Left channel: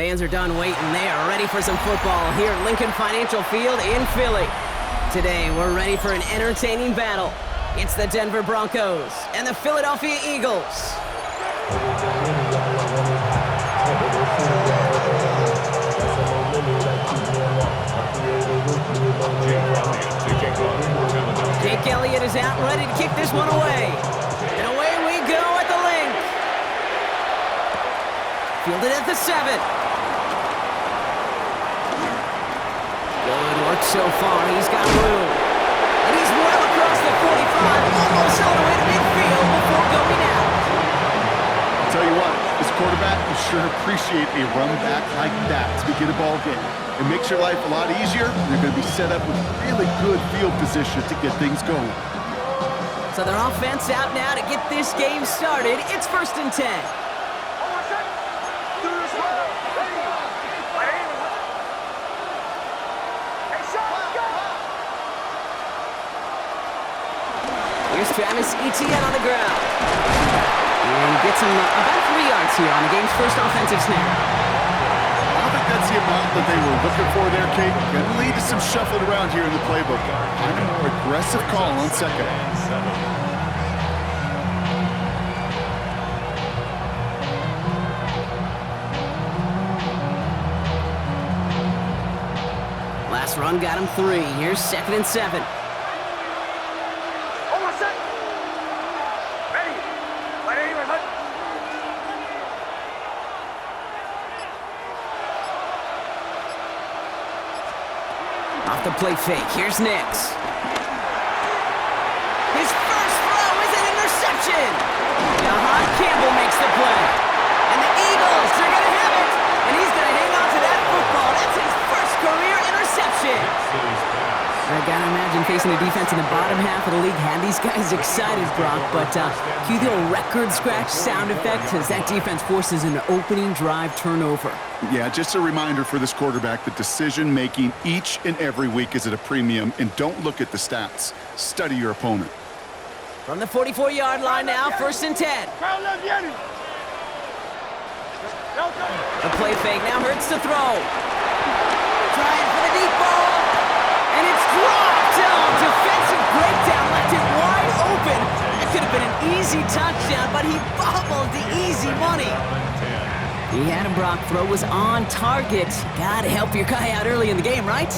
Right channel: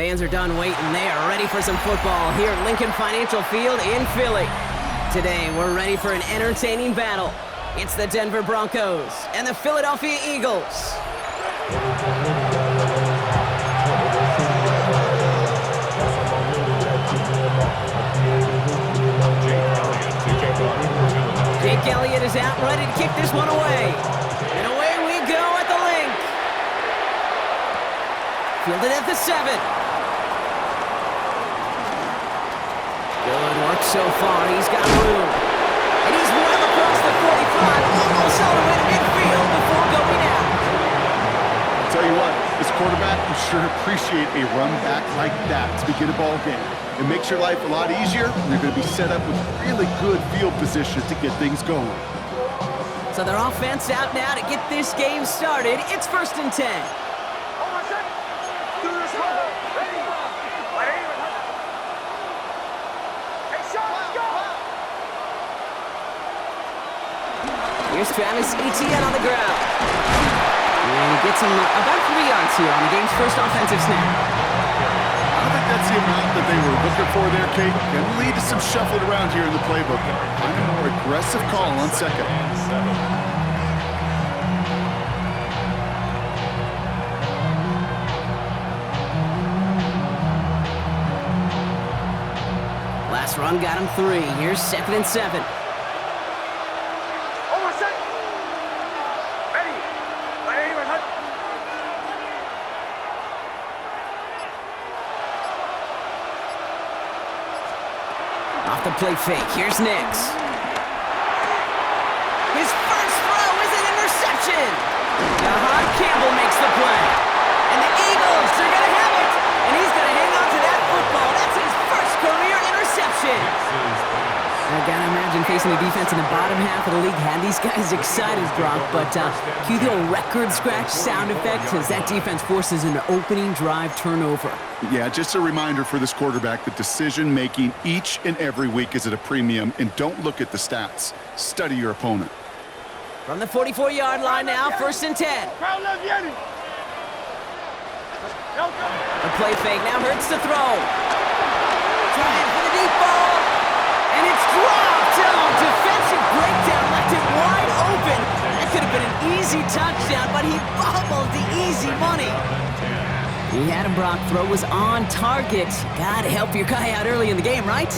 Fans are done waiting. They are ready for some football here at Lincoln Financial Field in Philly. Today, we're ready for an entertaining battle. It's the Denver Broncos and the Philadelphia Eagles. Jake Elliott is out, ready to kick this one away. And away we go at the link. Fielded at the 7. Good work so far. He's got room. And he's well across the 45, almost all the way to midfield before going out. I'll tell you what, as a quarterback, you sure appreciate a run back like that to begin a ball game. It makes your life a lot easier, and they're going to be set up with really good field position to get things going. So their offense out now to get this game started. It's 1st and 10. Here's Travis Etienne on the ground. And he gets him about 3 yards here on the game's first offensive snap. I don't think that's the amount that they were looking for there, Kate. Going to lead to some shuffling around here in the playbook. Find a more aggressive call on second. Last run got him 3. Here's 2nd and 7. Off the play fake, here's Nix. His first throw is an interception. Jahan Campbell makes the play. And the Eagles are going to have it. And he's going to hang on to that football. That's his first career interception. I gotta imagine facing a defense in the bottom half of the league had these guys excited, Brock. But cue the old record scratch sound effect as that defense forces an opening drive turnover. Yeah, just a reminder for this quarterback that decision-making each and every week is at a premium, and don't look at the stats. Study your opponent. From the 44-yard line now, 1st and 10. The play fake now hurts to throw. Trying for the deep ball. And it's dropped. Oh, defensive breakdown left it wide open. It could have been an easy touchdown, but he bobbled the easy money. He had him, Brock. Throw was on target. Gotta help your guy out early in the game, right?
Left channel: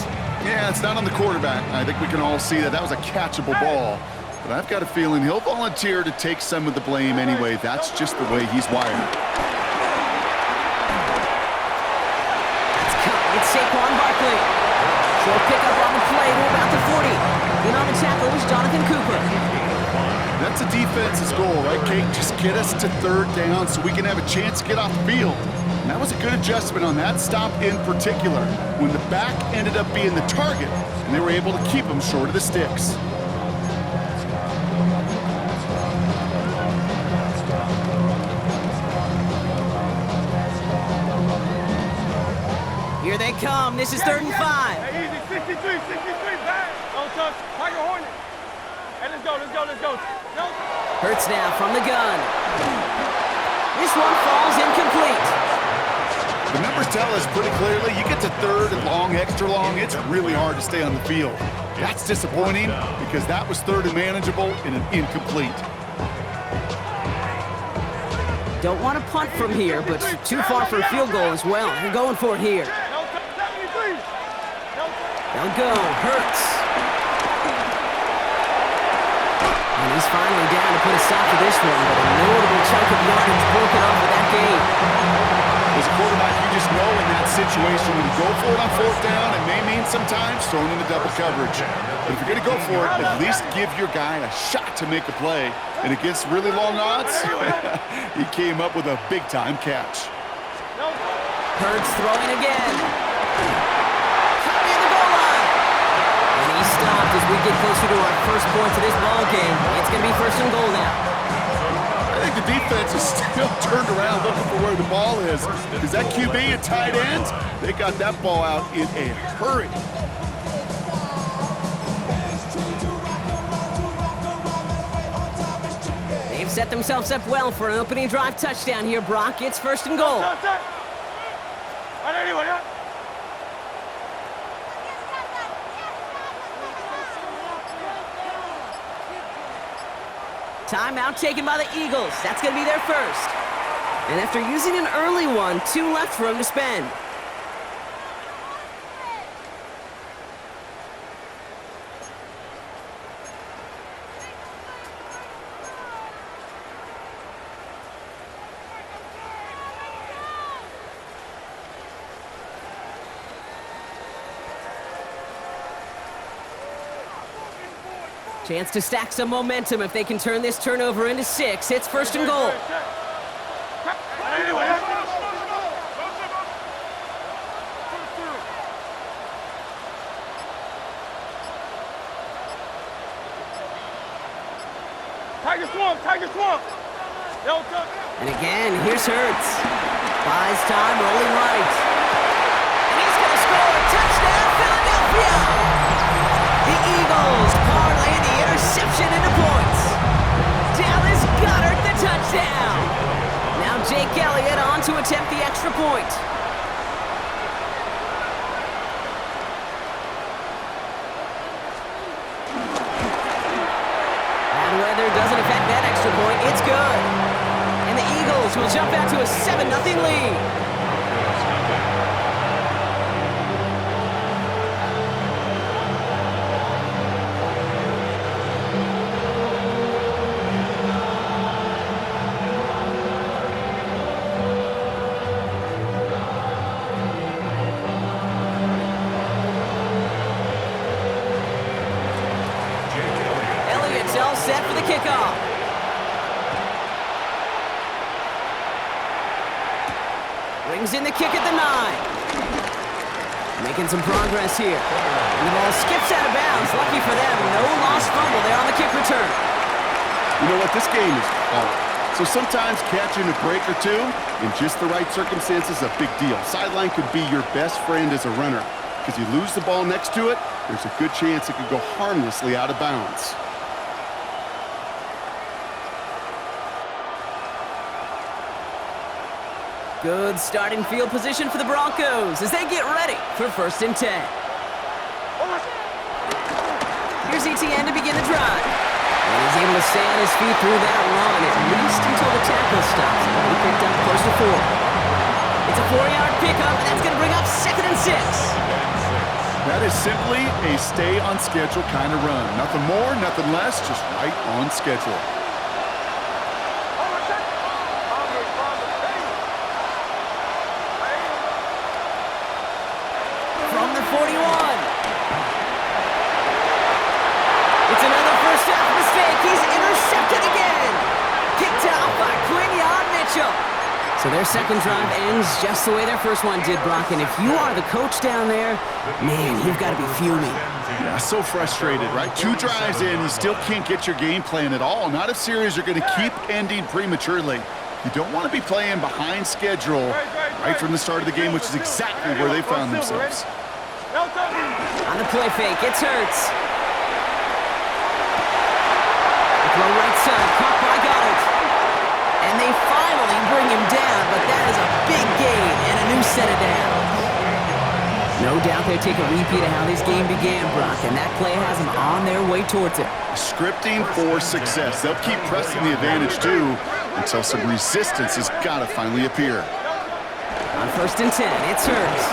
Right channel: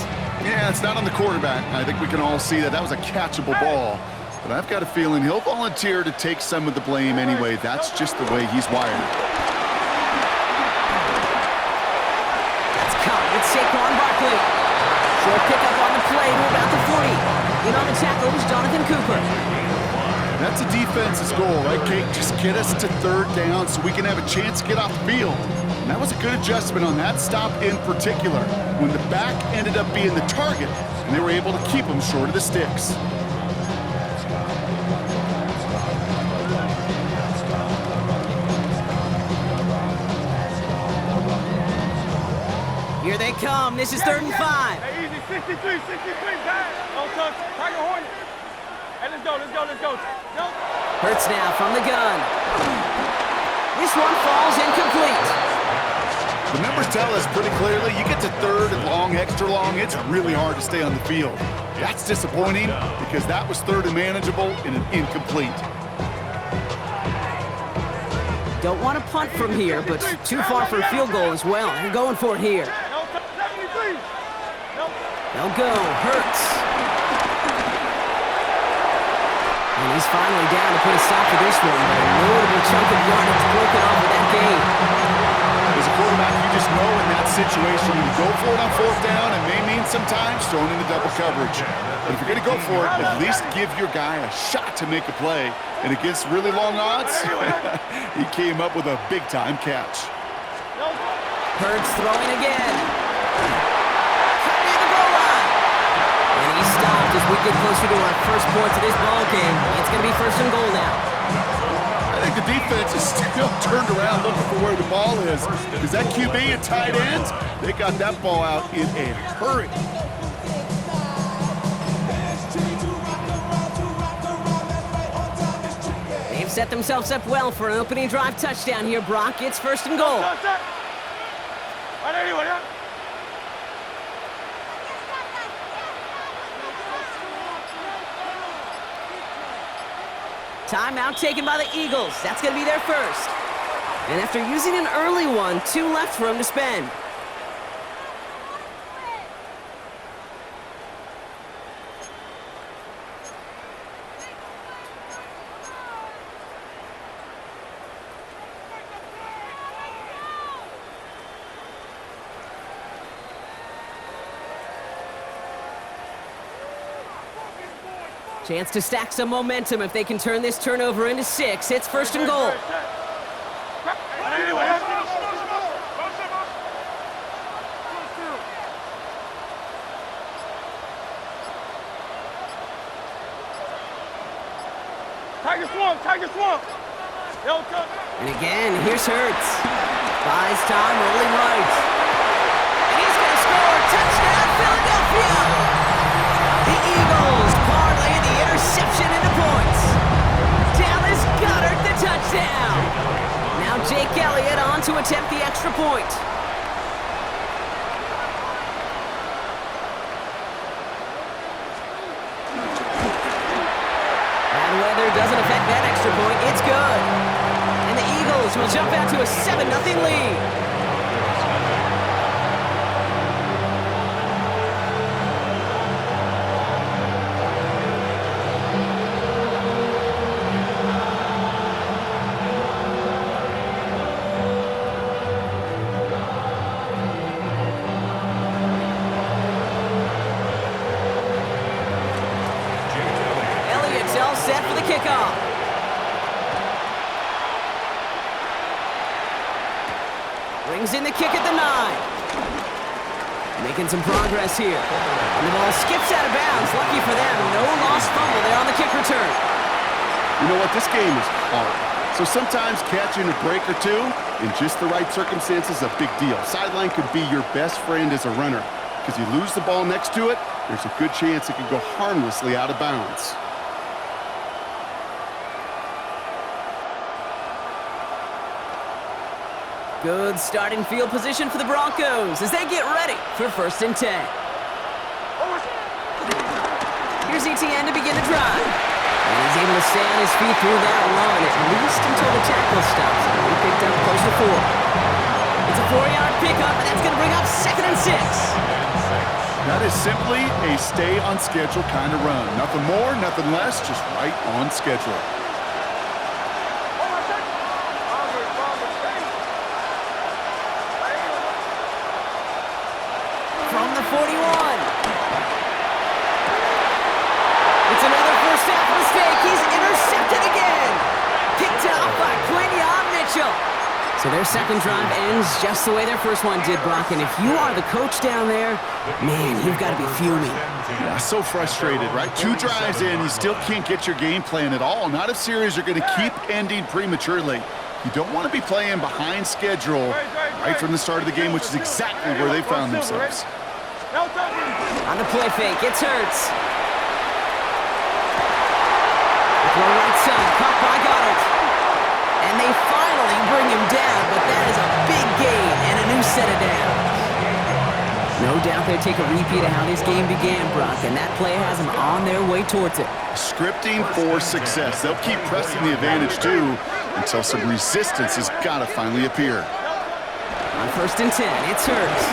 Yeah, it's not on the quarterback. I think we can all see that that was a catchable ball. But I've got a feeling he'll volunteer to take some of the blame anyway. That's just the way he's wired. That's caught. It's Saquon Barkley. Short pickup on the play to about the 40. In on the tackle was Jonathan Cooper. That's a defense's goal, right, Kate? Just get us to 3rd down so we can have a chance to get off the field. And that was a good adjustment on that stop in particular, when the back ended up being the target, and they were able to keep him short of the sticks. Here they come. This is 3rd and 5. Hey, easy. 63, back. Don't touch. Tiger Hornet. Hey, let's go. No. Hurts now from the gun. This one falls incomplete. The numbers tell us pretty clearly, you get to 3rd and long, extra long, it's really hard to stay on the field. That's disappointing because that was 3rd and manageable and an incomplete. Don't want to punt from here, but too far for a field goal as well. They're going for it here. They'll go. Hurts. And he's finally down to put a stop to this one, but a notable chunk of yardage broken off with that game. As a quarterback, you just know in that situation when you go for it on 4th down, it may mean sometimes throwing into double coverage. But if you're going to go for it, at least give your guy a shot to make a play. And against really long odds, he came up with a big-time catch. Hurts throwing again. Cut near the goal line. And he stopped as we get closer to our first points of this ball game. It's going to be 1st and goal now. I think the defense is still turned around looking for where the ball is. Because that QB and tight ends, they got that ball out in a hurry. They've set themselves up well for an opening drive touchdown here, Brock. It's 1st and goal. Right anyway, yeah. Timeout taken by the Eagles. That's going to be their first. And after using an early one, 2 left for him to spend. Chance to stack some momentum if they can turn this turnover into 6. It's first and goal. Tiger swamp, Tiger swamp. And again, here's Hurts. Buys time, rolling right. And he's going to score. Touchdown, Philadelphia! The Eagles parlay the interception into points. Dallas Goedert the touchdown. Now Jake Elliott on to attempt the extra point. Bad weather doesn't affect that extra point. It's good. And the Eagles will jump out to a 7-0 lead. All set for the kickoff. Brings in the kick at the 9. Making some progress here. And the ball skips out of bounds. Lucky for them, no lost fumble there on the kick return. You know what? This game is hard. So sometimes catching a break or two in just the right circumstances is a big deal. Sideline could be your best friend as a runner. Because you lose the ball next to it, there's a good chance it could go harmlessly out of bounds. Good starting field position for the Broncos as they get ready for first and 10. Here's ETN to begin the drive. And he's able to stay on his feet through that run, at least until the tackle stops him. He picked up close to 4. It's a 4-yard pickup, and that's going to bring up 2nd and 6. That is simply a stay-on-schedule kind of run. Nothing more, nothing less, just right on schedule. From the 41. It's another first half mistake. He's intercepted again. Kicked off by Quinyon Mitchell. So their second drive ends just the way their first one did, Brock. And if you are the coach down there, man, you've got to be fuming. Yeah, so frustrated, right? 2 drives in, you still can't get your game plan at all. Not if series are going to keep ending prematurely. You don't want to be playing behind schedule right from the start of the game, which is exactly where they found themselves. On the play fake, it's Hurts. Throw right side, caught by Goddard. And they finally bring him down, but that is a big gain and a new set of downs. No doubt they'll take a repeat of how this game began, Brock, and that play has them on their way towards it. Scripting for success. They'll keep pressing the advantage, too, until some resistance has got to finally appear. On first and 10, it's Hurts.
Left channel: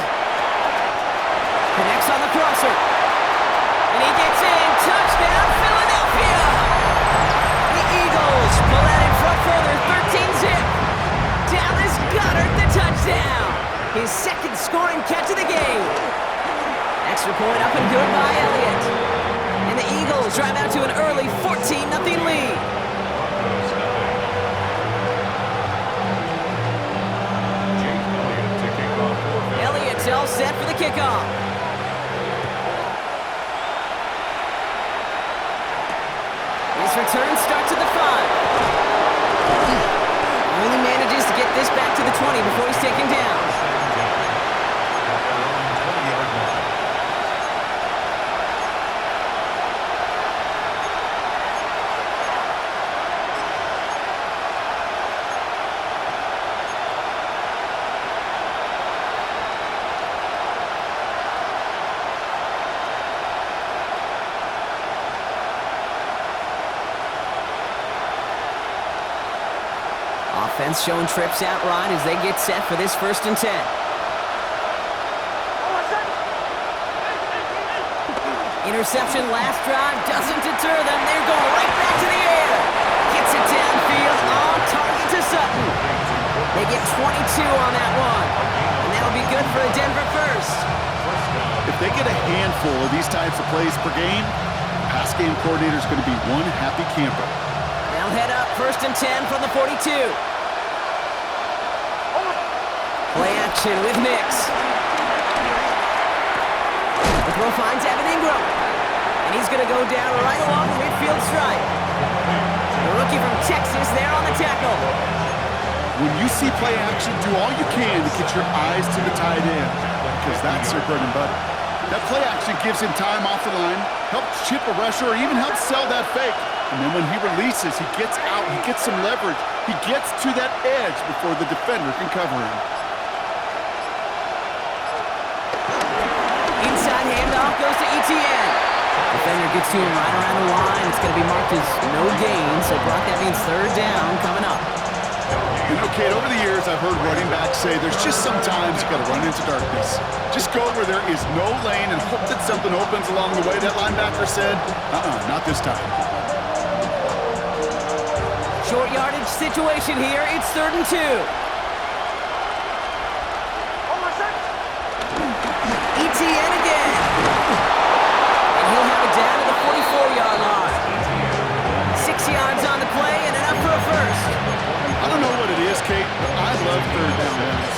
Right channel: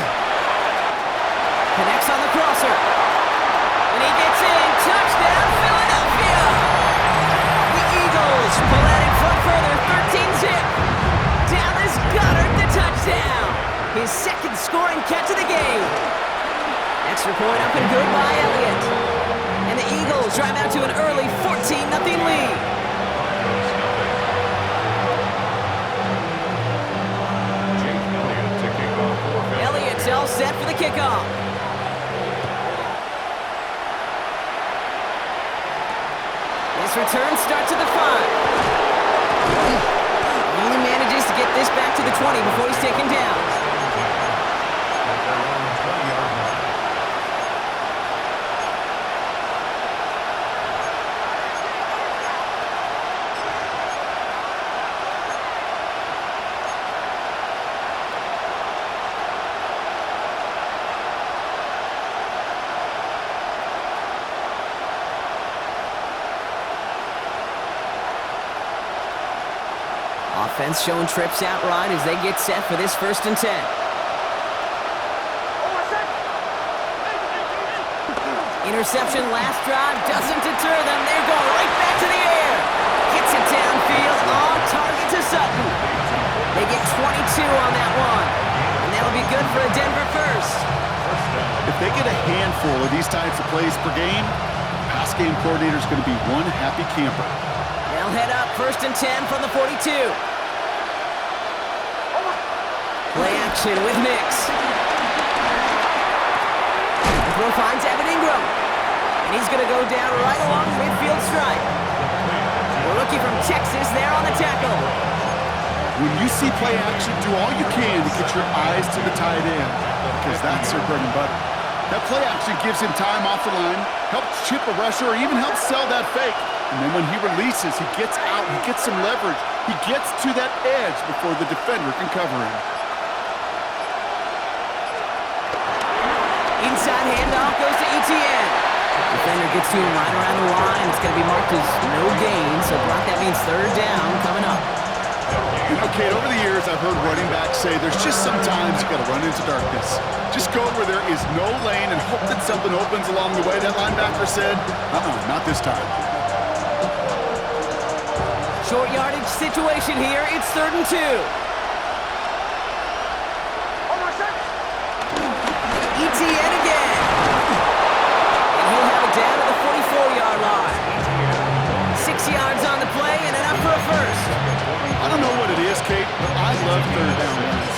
Connects on the crosser. And he gets in. Touchdown, Philadelphia! The Eagles pull out in front further, 13-zip. Dallas Goedert the touchdown. His second scoring catch of the game. Extra point up and good by Elliott. And the Eagles drive out to an early 14-0 lead. Elliott's all set for the kickoff. His return starts at the 5. Only manages to get this back to the 20 before he's taken down. At their own 20-yard line. Offense showing trips out right as they get set for this 1st and 10. Interception last drive doesn't deter them. They're going right back to the air. Gets it downfield, on target to Sutton. They get 22 on that one. And that'll be good for a Denver first. If they get a handful of these types of plays per game, pass game coordinator is going to be one happy camper. They'll head up 1st and 10 from the 42. Play action with Nix. The throw finds Evan Ingram. And he's going to go down right along the midfield stripe. The rookie from Texas there on the tackle. When you see play action, do all you can to get your eyes to the tight end, because that's their bread and butter. That play action gives him time off the line, helps chip a rusher, or even helps sell that fake. And then when he releases, he gets out, he gets some leverage. He gets to that edge before the defender can cover him. Inside handoff goes to Etienne. Defender gets to him right around the line. It's going to be marked as no gain, so Brock, that means 3rd down coming up. You know, Kate, over the years, I've heard running backs say there's just sometimes you got to run into darkness. Just go where there is no lane and hope that something opens along the way. That linebacker said, not this time. Short yardage situation here. It's 3rd and 2. Etienne again. And he'll have it down to the 44-yard line. 6 yards on the play and enough for a first. I don't know what it is, Kate, but I love 3rd down runs.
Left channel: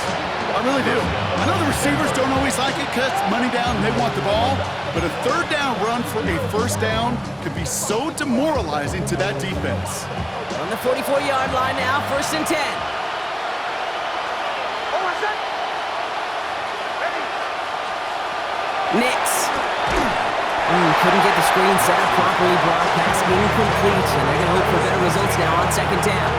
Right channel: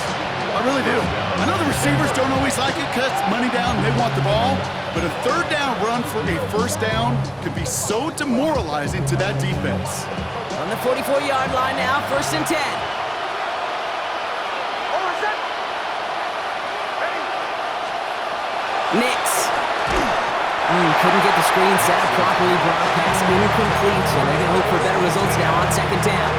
I really do. I know the receivers don't always like it because it's money down and they want the ball, but a 3rd down run for a 1st down could be so demoralizing to that defense. On the 44-yard line now, 1st and 10. Nix. Couldn't get the screen set up properly. Brock, pass incomplete, and they're going to hope for better results now on 2nd down.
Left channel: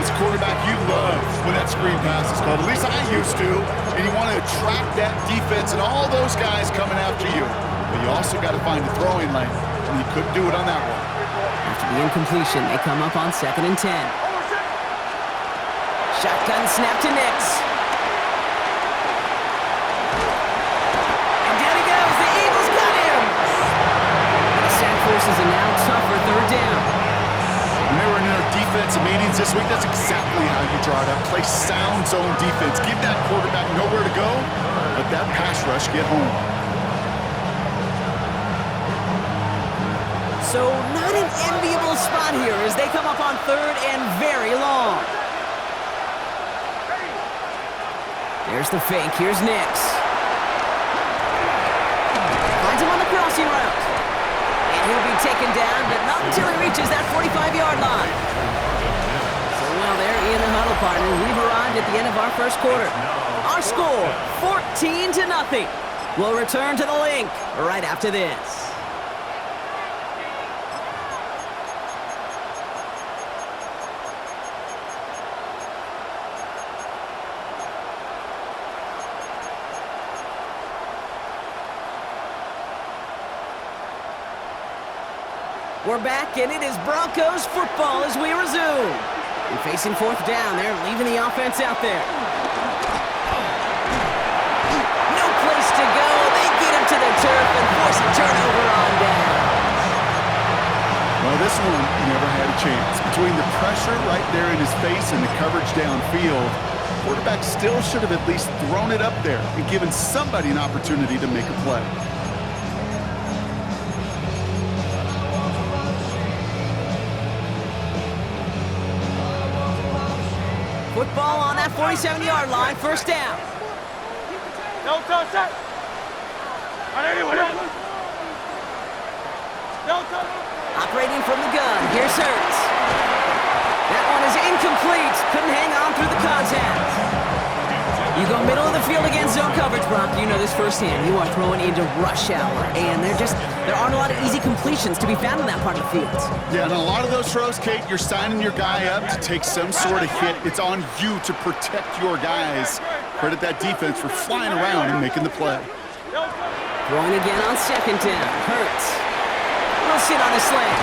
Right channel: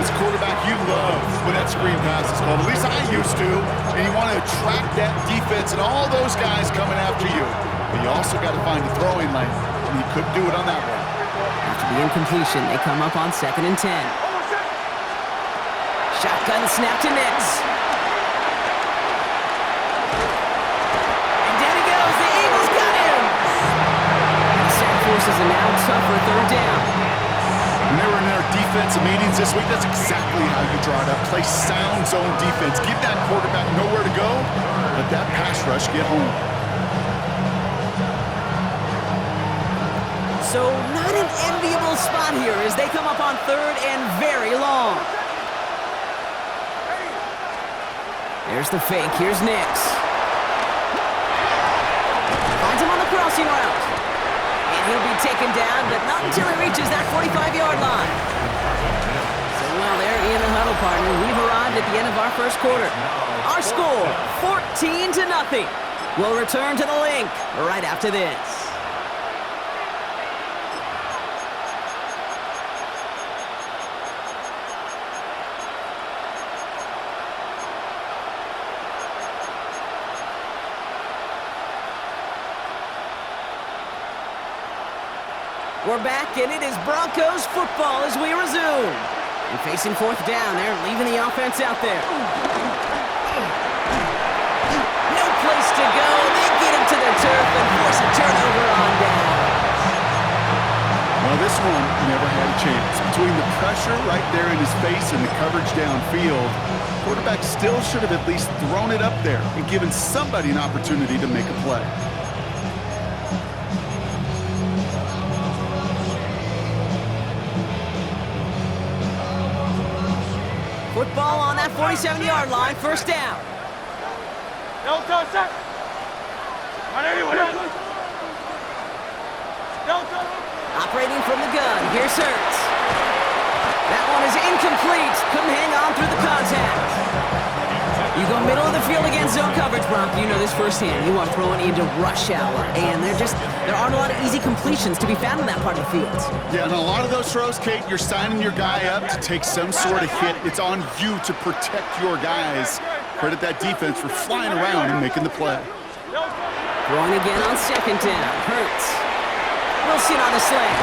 As a quarterback, you love when that screen pass is called. At least I used to. And you want to attract that defense and all those guys coming after you. But you also got to find a throwing lane, and he couldn't do it on that one. After the incompletion, they come up on 2nd and 10. Shotgun snap to Nix. And down he goes. The Eagles got him. The Sand forces a now tougher 3rd down. When they were in their defensive meetings this week, that's exactly how you draw it up. Play sound zone defense. Give that quarterback nowhere to go. Let that pass rush get home. So not an enviable spot here as they come up on 3rd and very long. There's the fake. Here's Nix. Finds him on the crossing route. And he'll be taken down, but not until he reaches that 45-yard line. So, well, there in the huddle, partner. We've arrived at the end of our 1st quarter. Our score, 14-0. We'll return to the link right after this. We're back, and it is Broncos football as we resume. And facing 4th down, they're leaving the offense out there. No place to go. They get him to the turf and force a turnover on down. Well, this one never had a chance. Between the pressure right there in his face and the coverage downfield, quarterback still should have at least thrown it up there and given somebody an opportunity to make a play. Football on that 47-yard line, 1st down. No touch that. No touch. Operating from the gun, here's Hurts. That one is incomplete. Couldn't hang on through the contact. You go middle of the field against zone coverage, Brock. You know this firsthand. You are throwing into rush hour, and there aren't a lot of easy completions to be found in that part of the field. Yeah, and a lot of those throws, Kate, you're signing your guy up to take some sort of hit. It's on you to protect your guys. Credit that defense for flying around and making the play. Throwing again on 2nd down. Hurts. Wilson on the slant.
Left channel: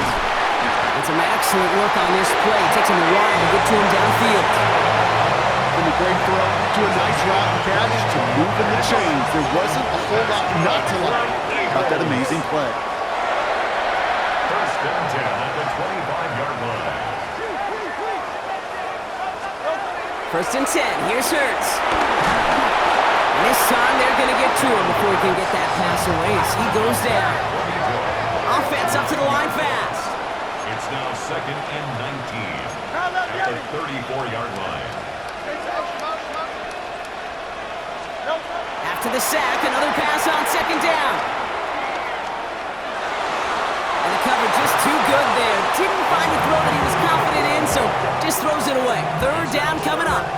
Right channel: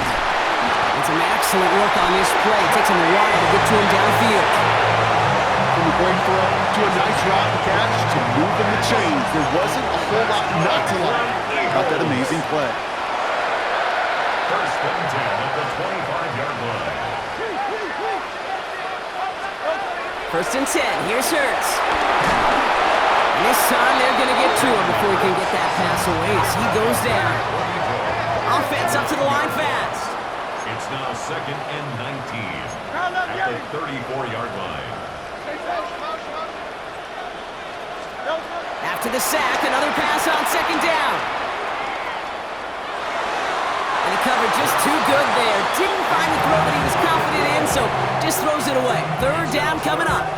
And some excellent work on this play. It takes him a while to get to him downfield. From a great throw to a nice route and catch to moving the chains. There wasn't a whole lot not to like about that amazing play. First and 10 at the 25-yard line. First and 10. Here's Hurts. And this time they're going to get to him before he can get that pass away as he goes down. Offense up to the line fast. It's now second and 19 at the 34-yard line. After the sack, another pass on second down. And the cover just too good there. Didn't find the throw that he was confident in, so just throws it away. Third down coming up.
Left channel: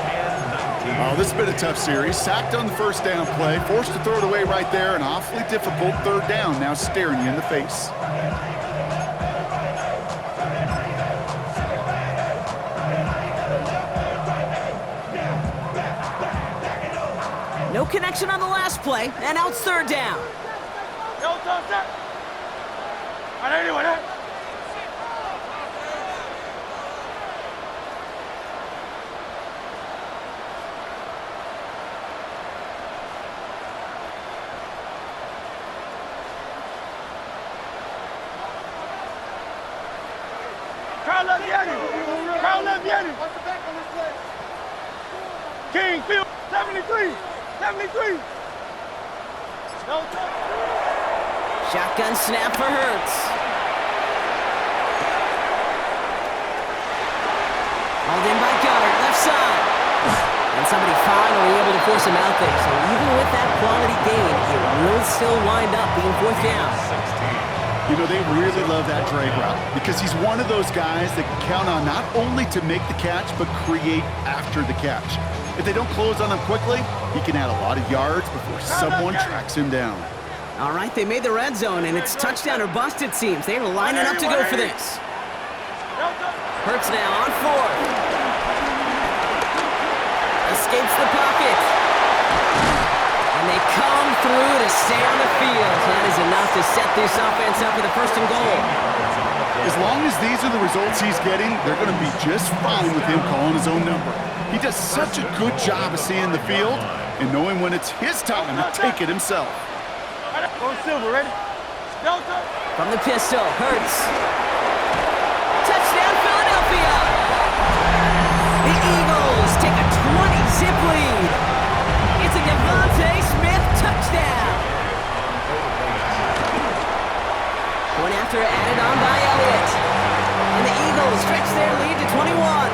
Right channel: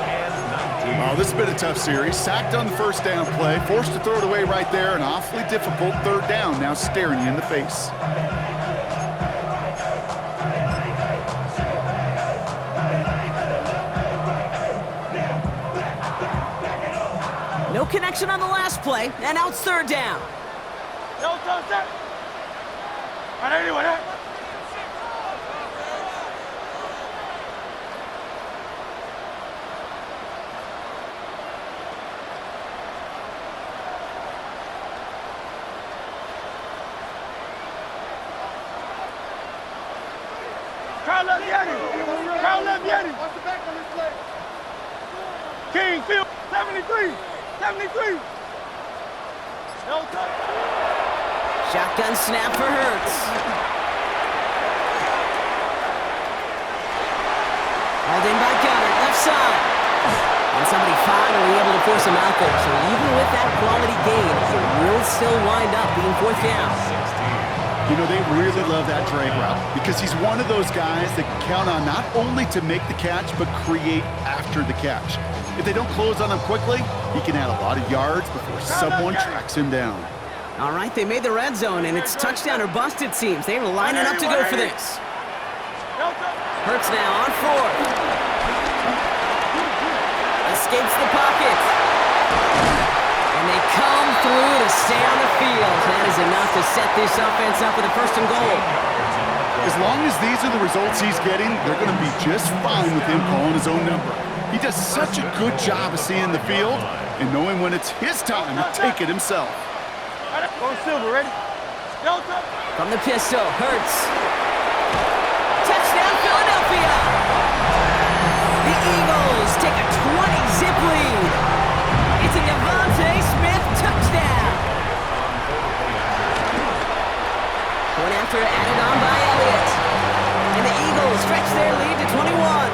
Oh, this has been a tough series. Sacked on the first down play, forced to throw it away right there. An awfully difficult third down now staring you in the face. No connection on the last play, and now it's third down. No touch that. All right, anyway, that. Kyle left Yeti. Kyle left Yeti. Watch the back on this play. King, field 73. 73. No touch. Shotgun snap for Hurts. Hauled in by Goddard, left side. And somebody finally able to force him out there. So even with that quality gain, it will still wind up being fourth down. You know, they really love that drag route because he's one of those guys that can count on not only to make the catch, but create after the catch. If they don't close on him quickly, he can add a lot of yards before someone tracks him down. All right, they made the red zone, and it's touchdown or bust, it seems. They were lining up to go for this. Hurts now on fourth. Escapes the pocket. And they come through to stay on the field. That is enough to set this offense up with a first and goal. As long as these are the results he's getting, they're going to be just fine with him calling his own number. He does such a good job of seeing the field and knowing when it's his time to take it himself. Go Silver, ready? No touch. From the pistol, Hurts. Touchdown, Philadelphia! The Eagles take a 20-zip lead. It's a Devontae Smith touchdown. Point after added on by Elliott. And the Eagles stretch their lead to 21.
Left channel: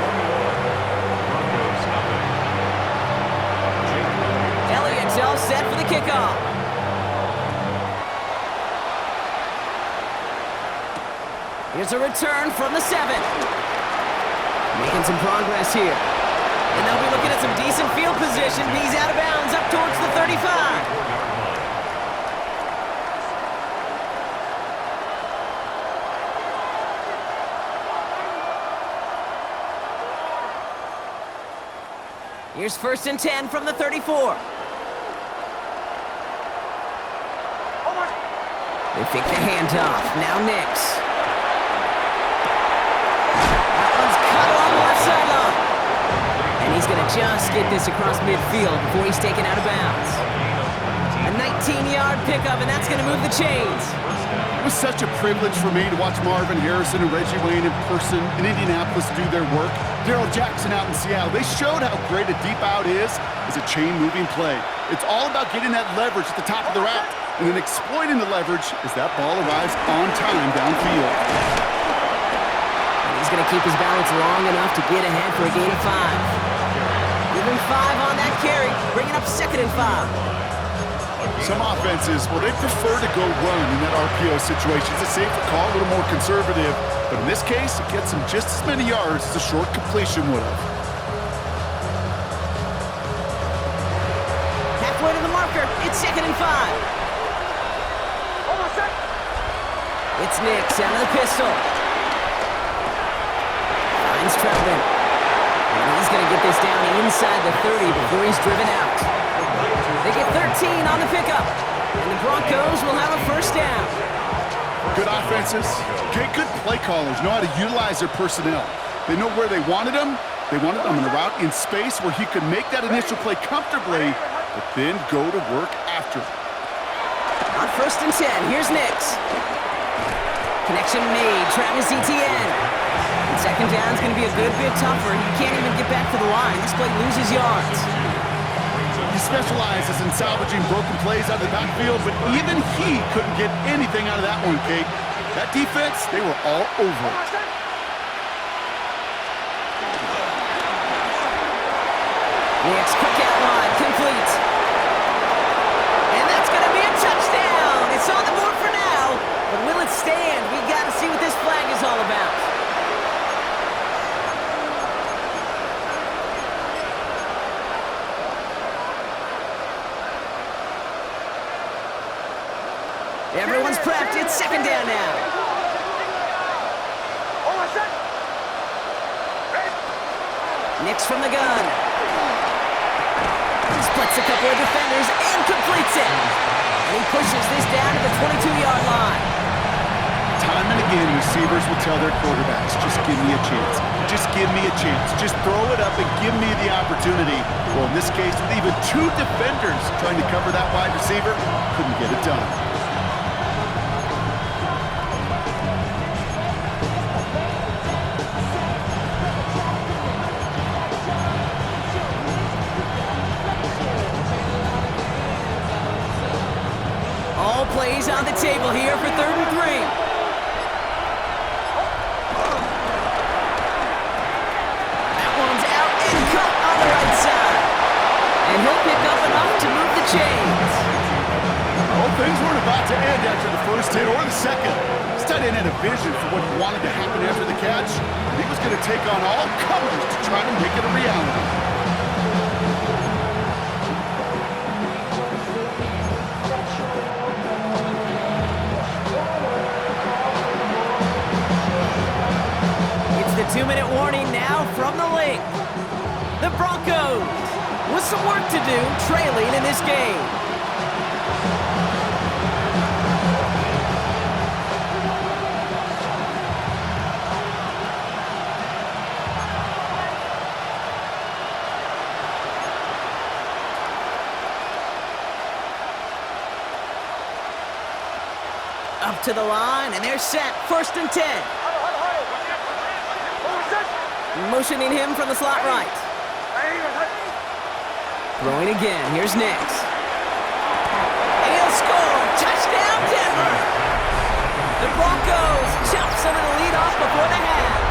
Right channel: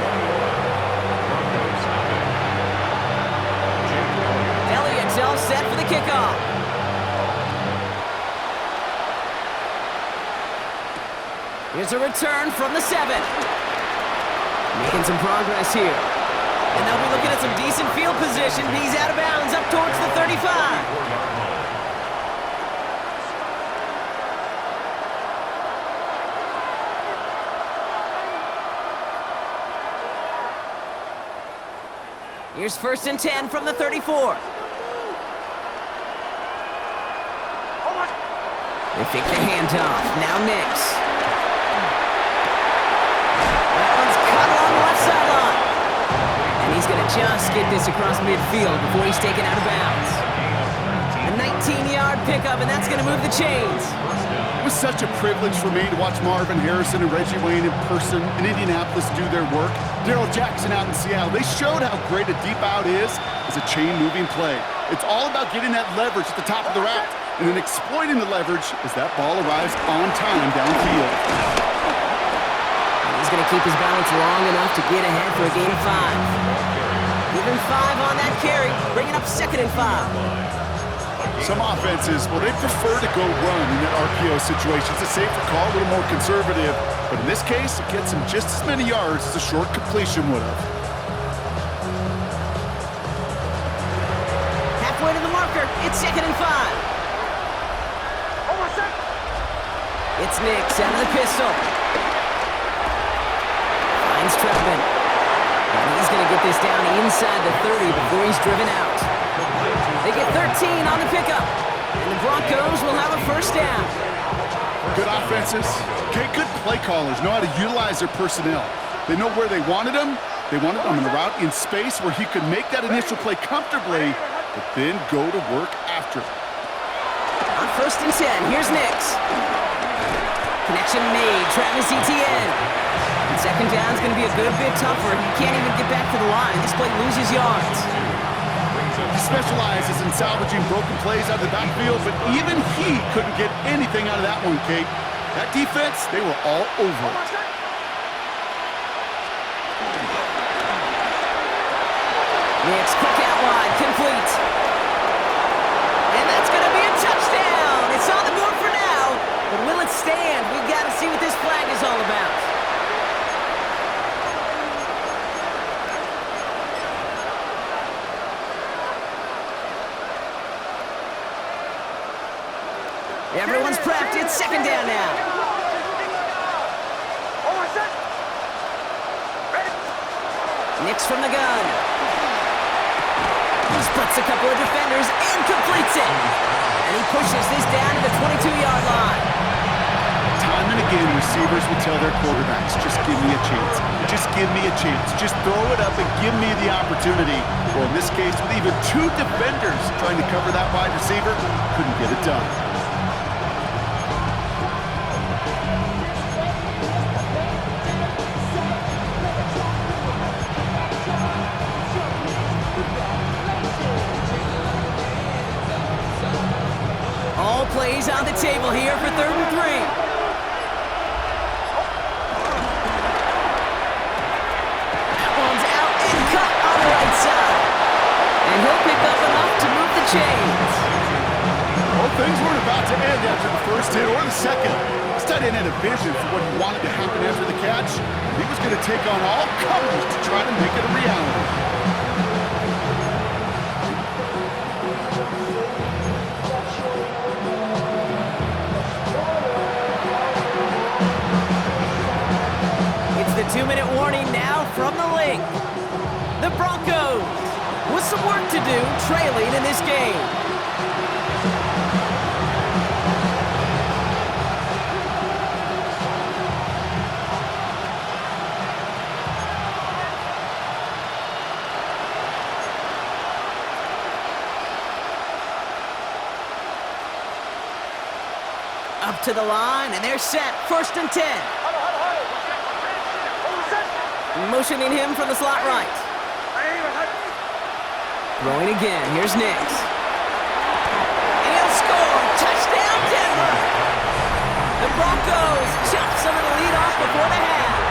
Elliott's all set for the kickoff. Here's a return from the 7. Making some progress here. And they'll be looking at some decent field position. He's out of bounds up towards the 35. Here's first and 10 from the 34. They fake the handoff. Now Nix. That one's cut along the left sideline. And he's going to just get this across midfield before he's taken out of bounds. A 19-yard pickup, and that's going to move the chains. It was such a privilege for me to watch Marvin Harrison and Reggie Wayne in person in Indianapolis do their work. Darrell Jackson out in Seattle. They showed how great a deep out is as a chain-moving play. It's all about getting that leverage at the top of the route and then exploiting the leverage as that ball arrives on time downfield. And he's going to keep his balance long enough to get ahead for a gain of 5. Even 5 on that carry, bringing up second and 5. Some offenses, well, they prefer to go run in that RPO situation. It's a safer call, a little more conservative. But in this case, it gets them just as many yards as a short completion would have. Halfway to the marker, it's second and 5. It's Nix out of the pistol. Finds Troutman. And he's going to get this down inside the 30 before he's driven out. They get 13 on the pickup. And the Broncos will have a first down. Good offenses. Okay, good play callers know how to utilize their personnel. They know where they wanted him. They wanted him in a route in space where he could make that initial play comfortably, but then go to work after. On 1st and 10, here's Nix. Connection made, Travis Etienne. And 2nd down is going to be a good bit tougher. He can't even get back to the line. This play loses yards. He specializes in salvaging broken plays out of the backfield, but even he couldn't get anything out of that one, Kate. That defense, they were all over it. Nix, quick out wide, complete. And that's going to be a touchdown. It's on the board for now, but will it stand? We've got to see what this flag is all about. Everyone's prepped. It's 2nd down now. Nix from the gun. Splits a couple of defenders and completes it. And he pushes this down to the 22-yard line. Time and again, receivers will tell their quarterbacks, just give me a chance. Just give me a chance. Just throw it up and give me the opportunity. Well, in this case, with even 2 defenders trying to cover that wide receiver, couldn't get it done. All plays on the table here for 3rd and 3. That one's out and cut on the right side. And he'll pick up enough to move the chains. Well, things weren't about to end after the first hit or the second. This tight end had a vision for what he wanted to happen after the catch. And he was going to take on all comers to try to make it a reality. The 2-minute warning now from the link. The Broncos with some work to do, trailing in this game. Up to the line, and they're set. 1st and 10. Motioning him from the slot right. Throwing again. Here's Nix. And he'll score. Touchdown, Denver. The Broncos chop some of the lead off before the half.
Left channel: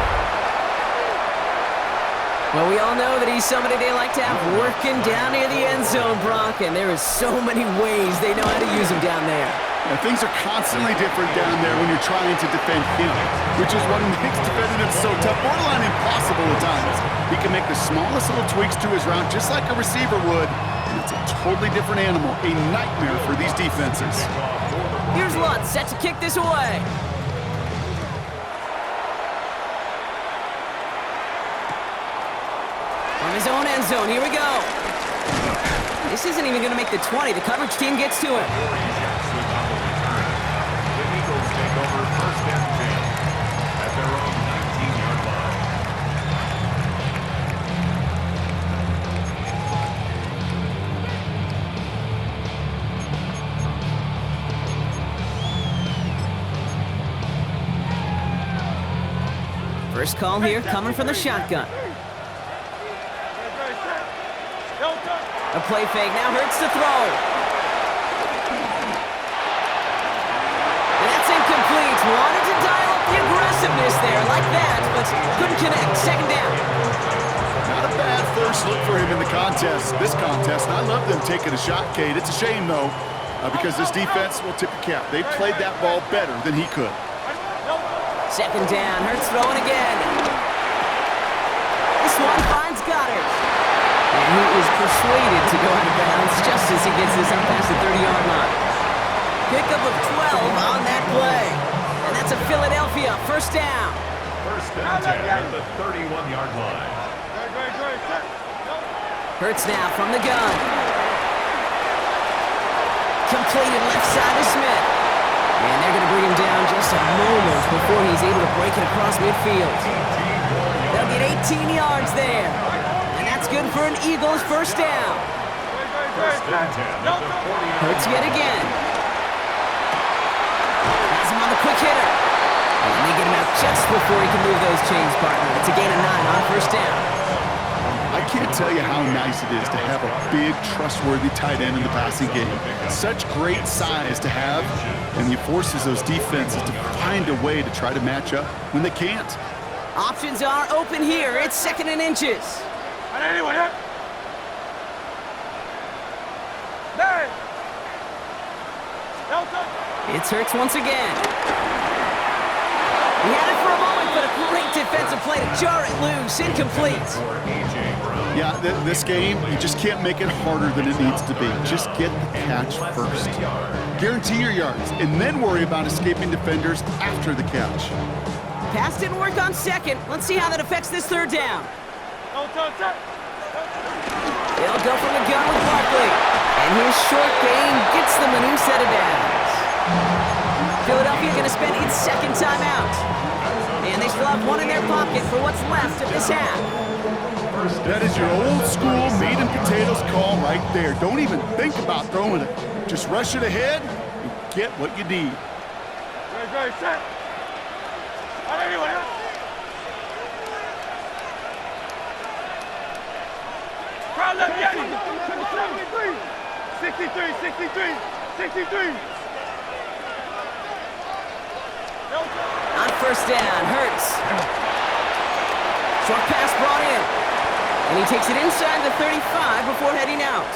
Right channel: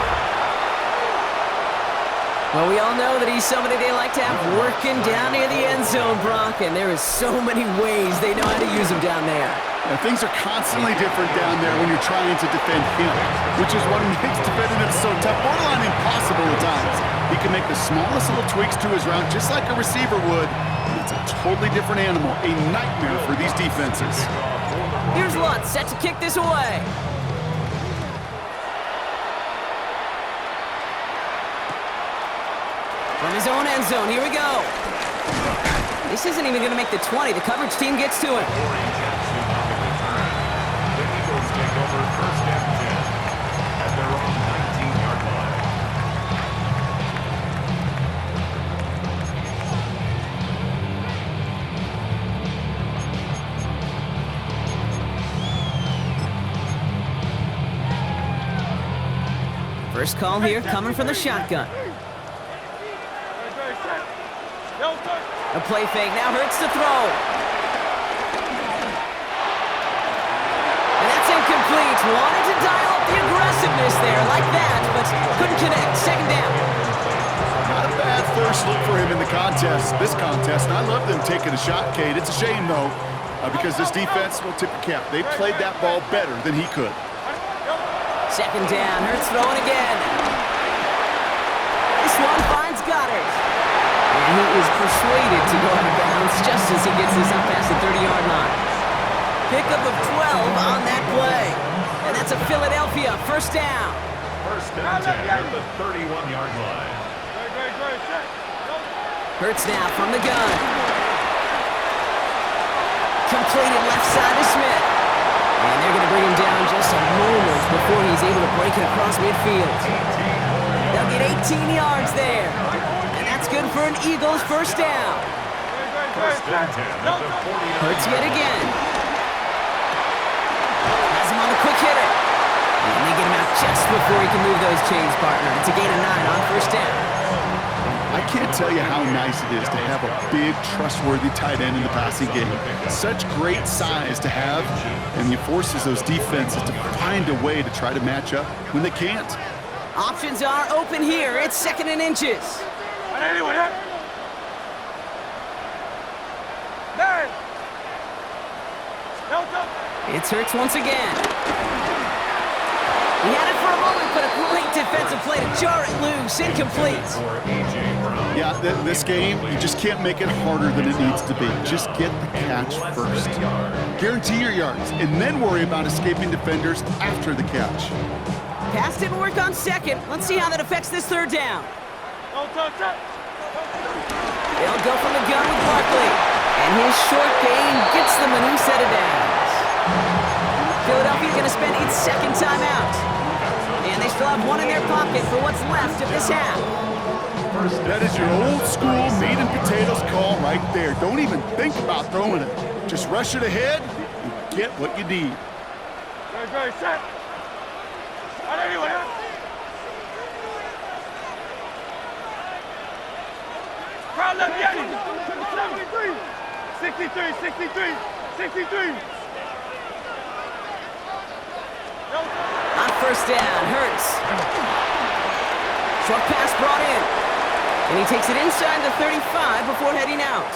Well, we all know that he's somebody they like to have working down near the end zone, Brock, and there is so many ways they know how to use him down there. And things are constantly different down there when you're trying to defend him, which is what makes defending him so tough, borderline impossible at times. He can make the smallest little tweaks to his route just like a receiver would, and it's a totally different animal, a nightmare for these defenses. Here's Lutz set to kick this away. From his own end zone, here we go. This isn't even going to make the 20. The coverage team gets to him. The Eagles take over 1st and 10 at their own 19-yard line. First call here coming from the shotgun. A play fake now hurts to throw. And that's incomplete. Wanted to dial up the aggressiveness there like that, but couldn't connect. 2nd down. Not a bad first look for him in the contest, this contest, and I love them taking a shot, Kate. It's a shame, though, because this defense will tip your cap. They played that ball better than he could. 2nd down. Hurts throwing again. This one finds Goddard. And he is persuaded to go out of bounds just as he gets this up past the 30-yard line. Pickup of 12 on that play. And that's a Philadelphia 1st down. 1st and 10 at the 31-yard line. Hurts now from the gun. Completed left side to Smith. And they're going to bring him down just a moment before he's able to break it across midfield. They'll get 18 yards there. And that's good for an Eagles first down. First and 10 at the 49. Hurts yet again. Has him on the quick hitter. And they get him out just before he can move those chains, partner. It's a gain of 9 on first down. I can't tell you how nice it is to have a big, trustworthy tight end in the passing game. Such great size to have, and he forces those defenses to find a way to try to match up when they can't. Options are open here. It's 2nd and inches. It's Hurts once again. He had it for a moment, but a great defensive play to jar it loose. Incomplete. Yeah, this game, you just can't make it harder than it needs to be. Just get the catch first. Guarantee your yards, and then worry about escaping defenders after the catch. Pass didn't work on 2nd. Let's see how that affects this 3rd down. They'll go from the gun with Barkley. And his short gain gets them a new set of downs. Philadelphia going to spend its 2nd timeout. And they still have 1 in their pocket for what's left of this half. That is your old school meat and potatoes call right there. Don't even think about throwing it. Just rush it ahead and get what you need. Great, set. Crowd left Yeti. 63, 63, 63. On first down, Hurts. Short pass brought in. And he takes it inside the 35 before heading out.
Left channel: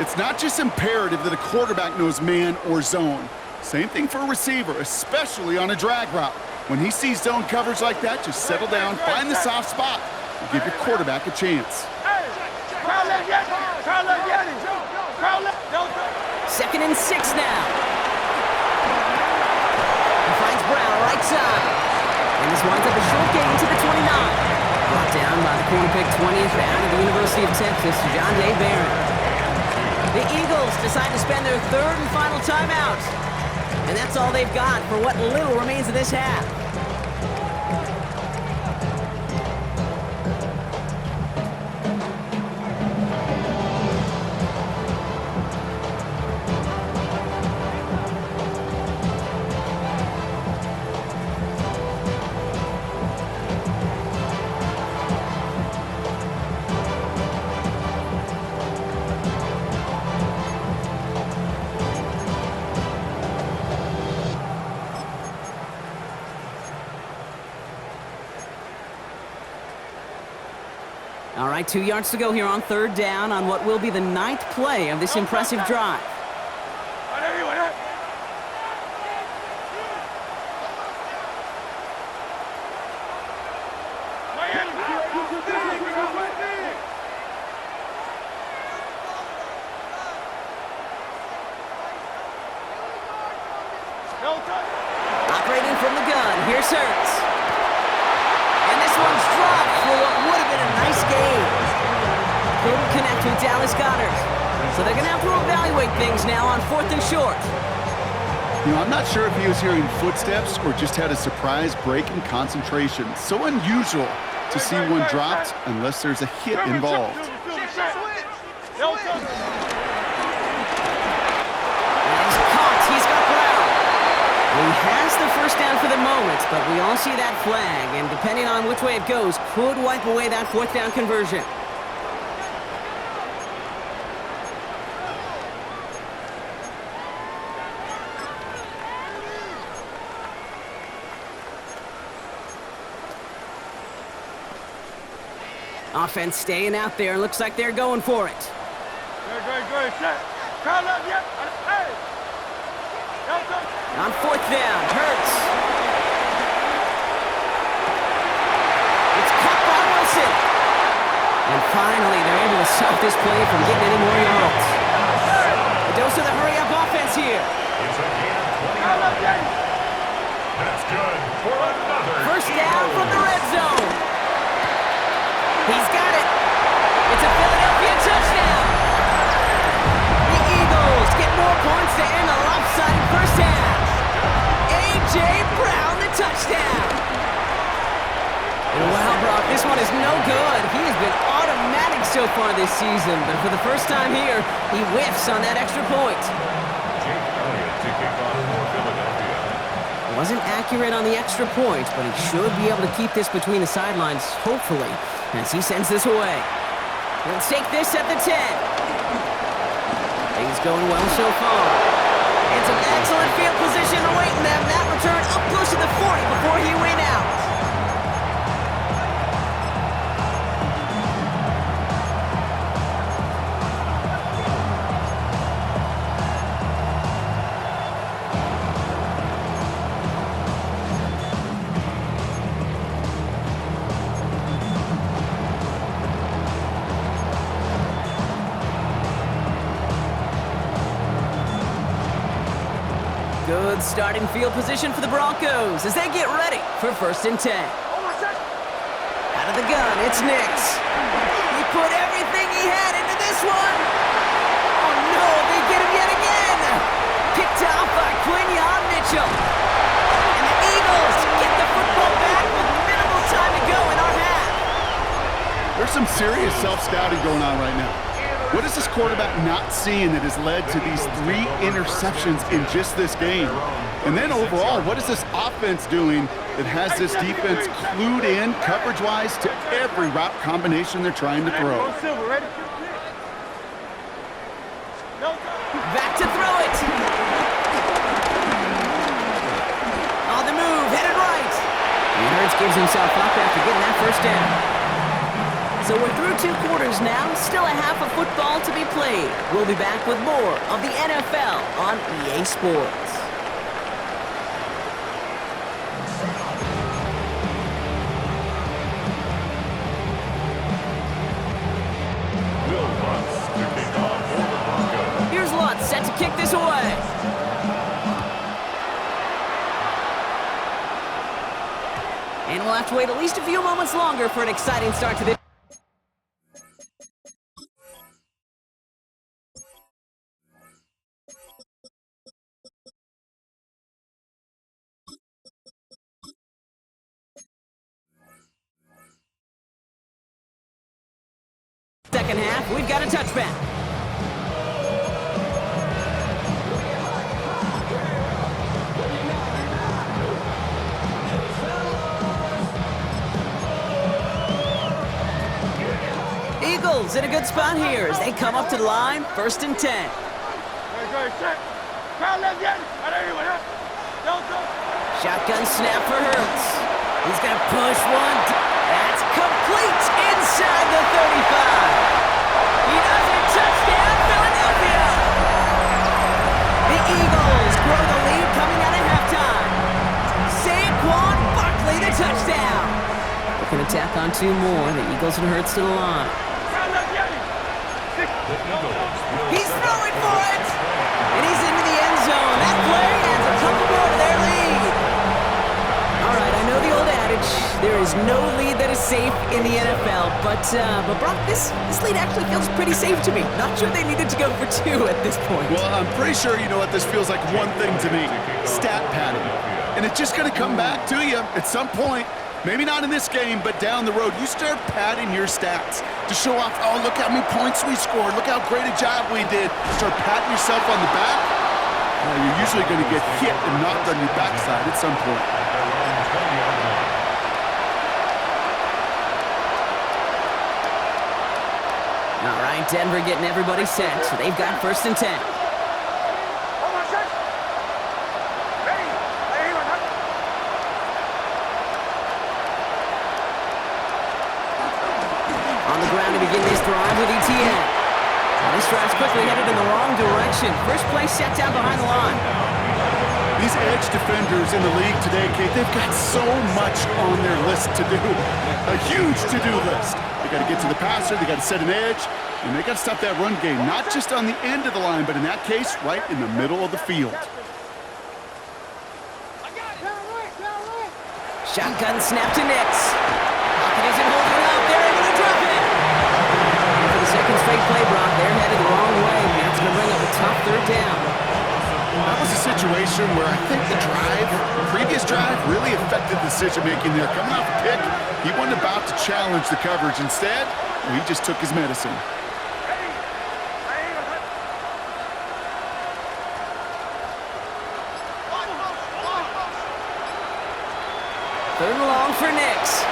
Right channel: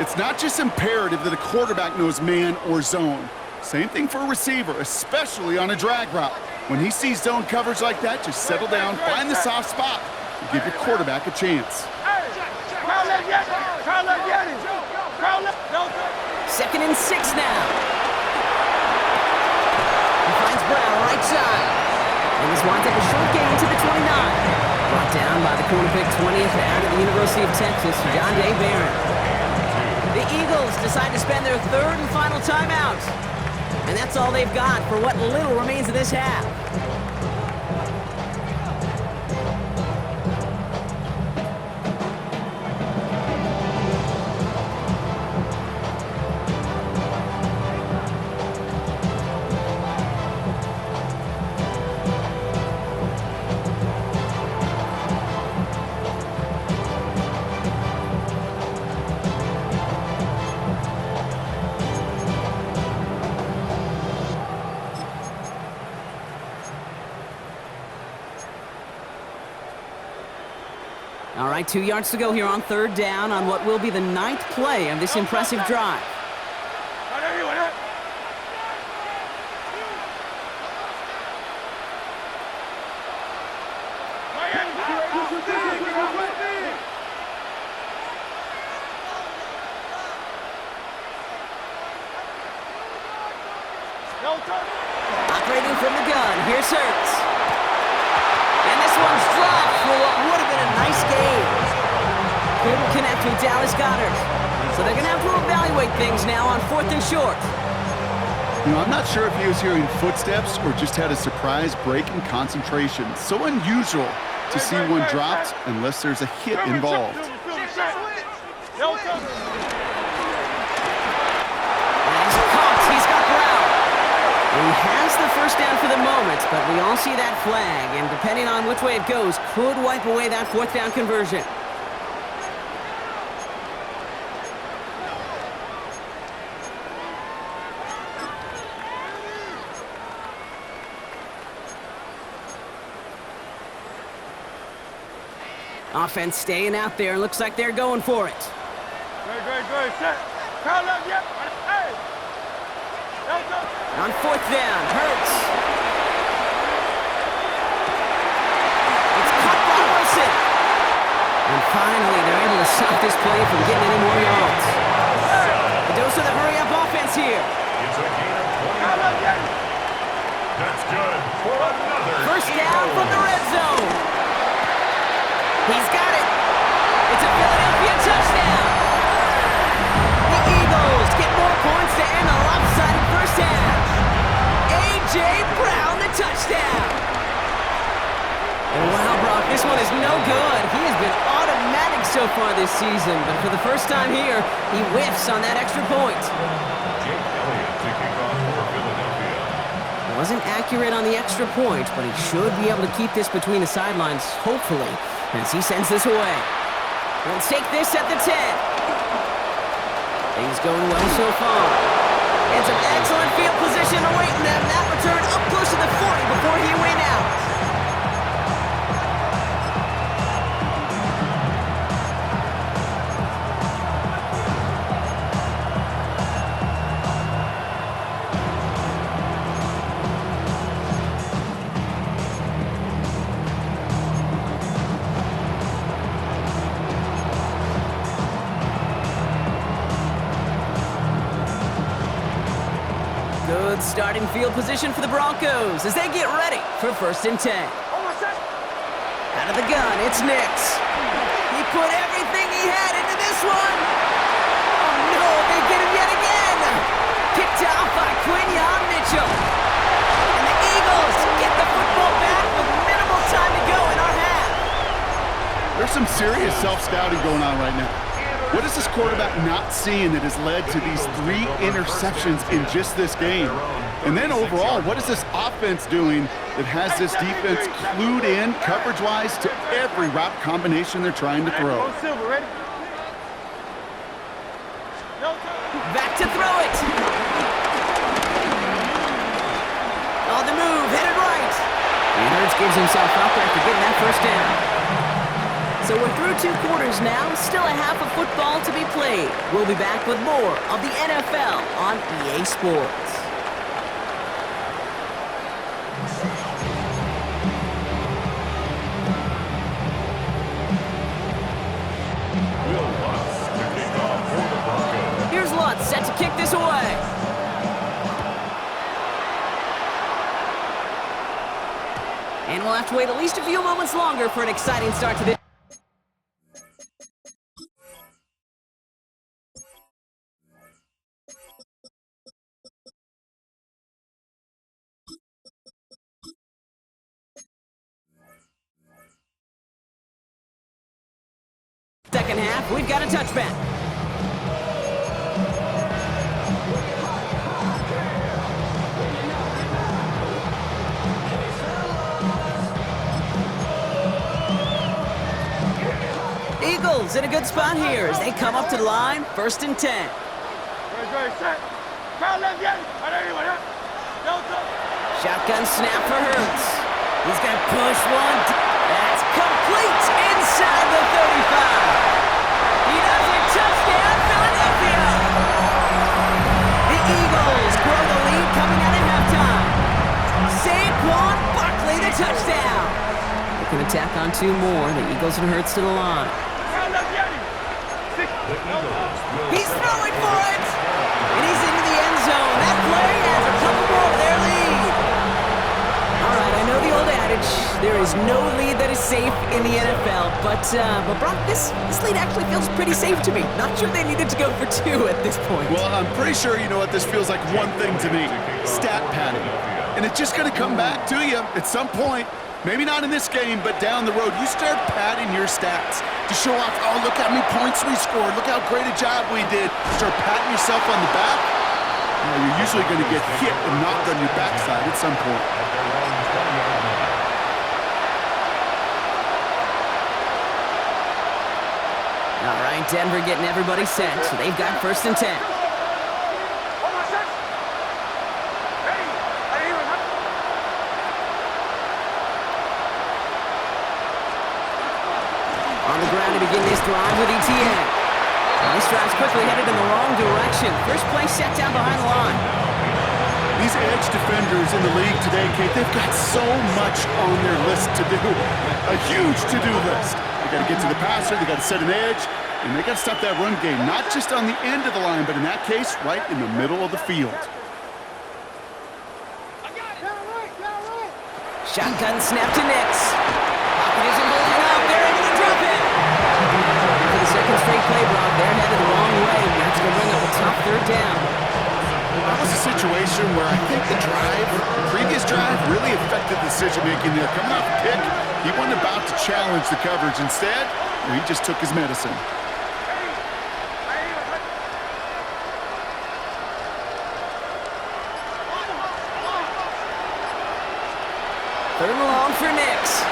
It's not just imperative that a quarterback knows man or zone. Same thing for a receiver, especially on a drag route. When he sees zone coverage like that, just settle down, find the soft spot, and give your quarterback a chance. Crowd left Yeti. Crowd left Yeti. Crowd left. 2nd and 6 now. He finds Brown right side. And this winds up a short gain to the 29. Brought down by the corner pick 20th out of the University of Texas, John Day Barron. The Eagles decide to spend their 3rd and final timeout. And that's all they've got for what little remains of this half. All right, 2 yards to go here on 3rd down on what will be the 9th play of this impressive drive. Operating from the gun, here's Hurts. And this one's dropped for what would have been a nice game. Couldn't connect with Dallas Goedert. So they're going to have to evaluate things now on 4th and short. You know, I'm not sure if he was hearing footsteps or just had a surprise break in concentration. So unusual to see one dropped unless there's a hit involved. And he's caught. He's got Brown. He has the first down for the moment, but we all see that flag, and depending on which way it goes, could wipe away that 4th down conversion. Offense staying out there. Looks like they're going for it. Good. Set. Crowd left Yeti. Hey. On 4th down, Hurts. It's caught by Wilson. And finally, they're able to stop this play from getting any more yards. A dose of the hurry-up offense here. It's a gain of 20. That's good for another. First down from the red zone. He's got it. It's a Philadelphia touchdown. The Eagles get more points to end the lopsided first half. A.J. Brown, the touchdown. And wow, Brock, this one is no good. He has been automatic so far this season, but for the first time here, he whiffs on that extra point. Jake Elliott to kick off for Philadelphia. Wasn't accurate on the extra point, but he should be able to keep this between the sidelines, hopefully, as he sends this away. He'll take this at the 10. Things going well so far. And some excellent field position awaiting them. That return up close to the 40 before he went out. Good starting field position for the Broncos as they get ready for 1st and 10. Out of the gun, it's Nix. He put everything he had into this one. Oh no, they get him yet again. Picked off by Quinyon Mitchell. And the Eagles get the football back with minimal time to go in our half. There's some serious self-scouting going on right now. What is this quarterback not seeing that has led to these 3 interceptions in just this game? And then overall, what is this offense doing that has this defense clued in coverage-wise to every route combination they're trying to throw? Back to throw it. On the move, headed right. And Hurts gives himself up after getting that first down. So we're through 2 quarters now, still a half of football to be played. We'll be back with more of the NFL on EA Sports. Will Lutz to kick off for the Broncos. Here's Lutz set to kick this away. And we'll have to wait at least a few moments longer for an exciting start to this. Second half, we've got a touchback. Eagles in a good spot here as they come up to the line, 1st and 10. Shotgun snap for Hurts. He's going to push one. That's complete inside the 35. He does it. Touchdown, Philadelphia. The Eagles grow the lead coming out of halftime. Saquon Barkley, the touchdown. Looking to tack on 2 more. The Eagles and Hurts to the line. He's throwing for it. And he's into the end zone. That play adds a couple more to their lead. All right, I know the old adage, there is no lead that is safe in the NFL, but Brock, this lead actually feels pretty safe to me. Not sure they needed to go for 2 at this point. Well, I'm pretty sure you know what this feels like one thing to me, stat padding. And it's just going to come back to you at some point. Maybe not in this game, but down the road. You start padding your stats to show off, oh, look how many points we scored. Look how great a job we did. Start patting yourself on the back. You're usually going to get hit and knocked on your backside at some point. At their own 20-yard line. All right, Denver getting everybody set. So they've got 1st and 10. On the ground to begin this drive with ETN. Well, this drive's quickly headed in the wrong direction. First play set down behind the line. These edge defenders in the league today, Kate, they've got so much on their list to do. A huge to-do list. They got to get to the passer, they got to set an edge, and they got to stop that run game. Not just on the end of the line, but in that case, right in the middle of the field. Shotgun snap to Nix. Pocket isn't holding up. They're able to drop it. And for the second straight play, Brock, they're headed the wrong way. It's going to bring up a tough third down. That was a situation where I think the previous drive, really affected the decision-making there. Coming off a pick, he wasn't about to challenge the coverage. Instead, he just took his medicine. Third and long for Nix.